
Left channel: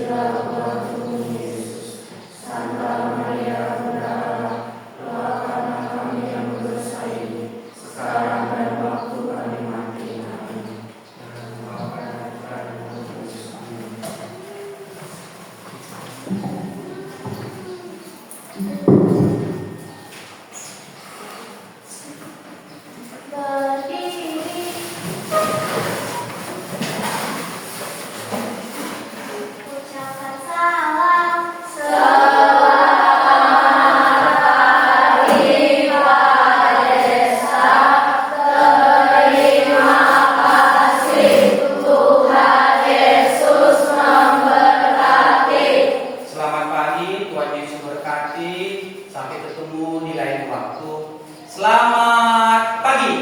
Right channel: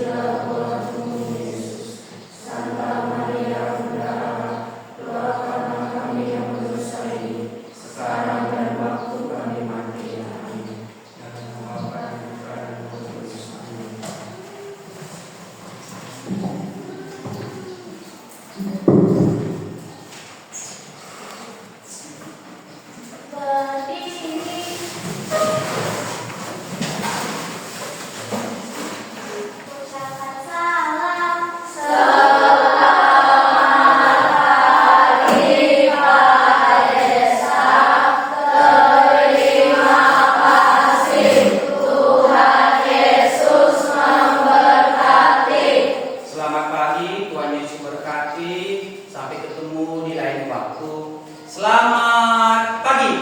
kasih. Sampai ketemu di lain waktu. Selamat pagi.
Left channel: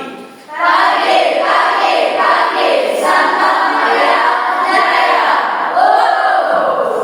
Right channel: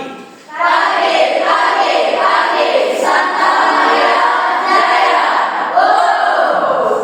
Santa Maria Jaya. Oh.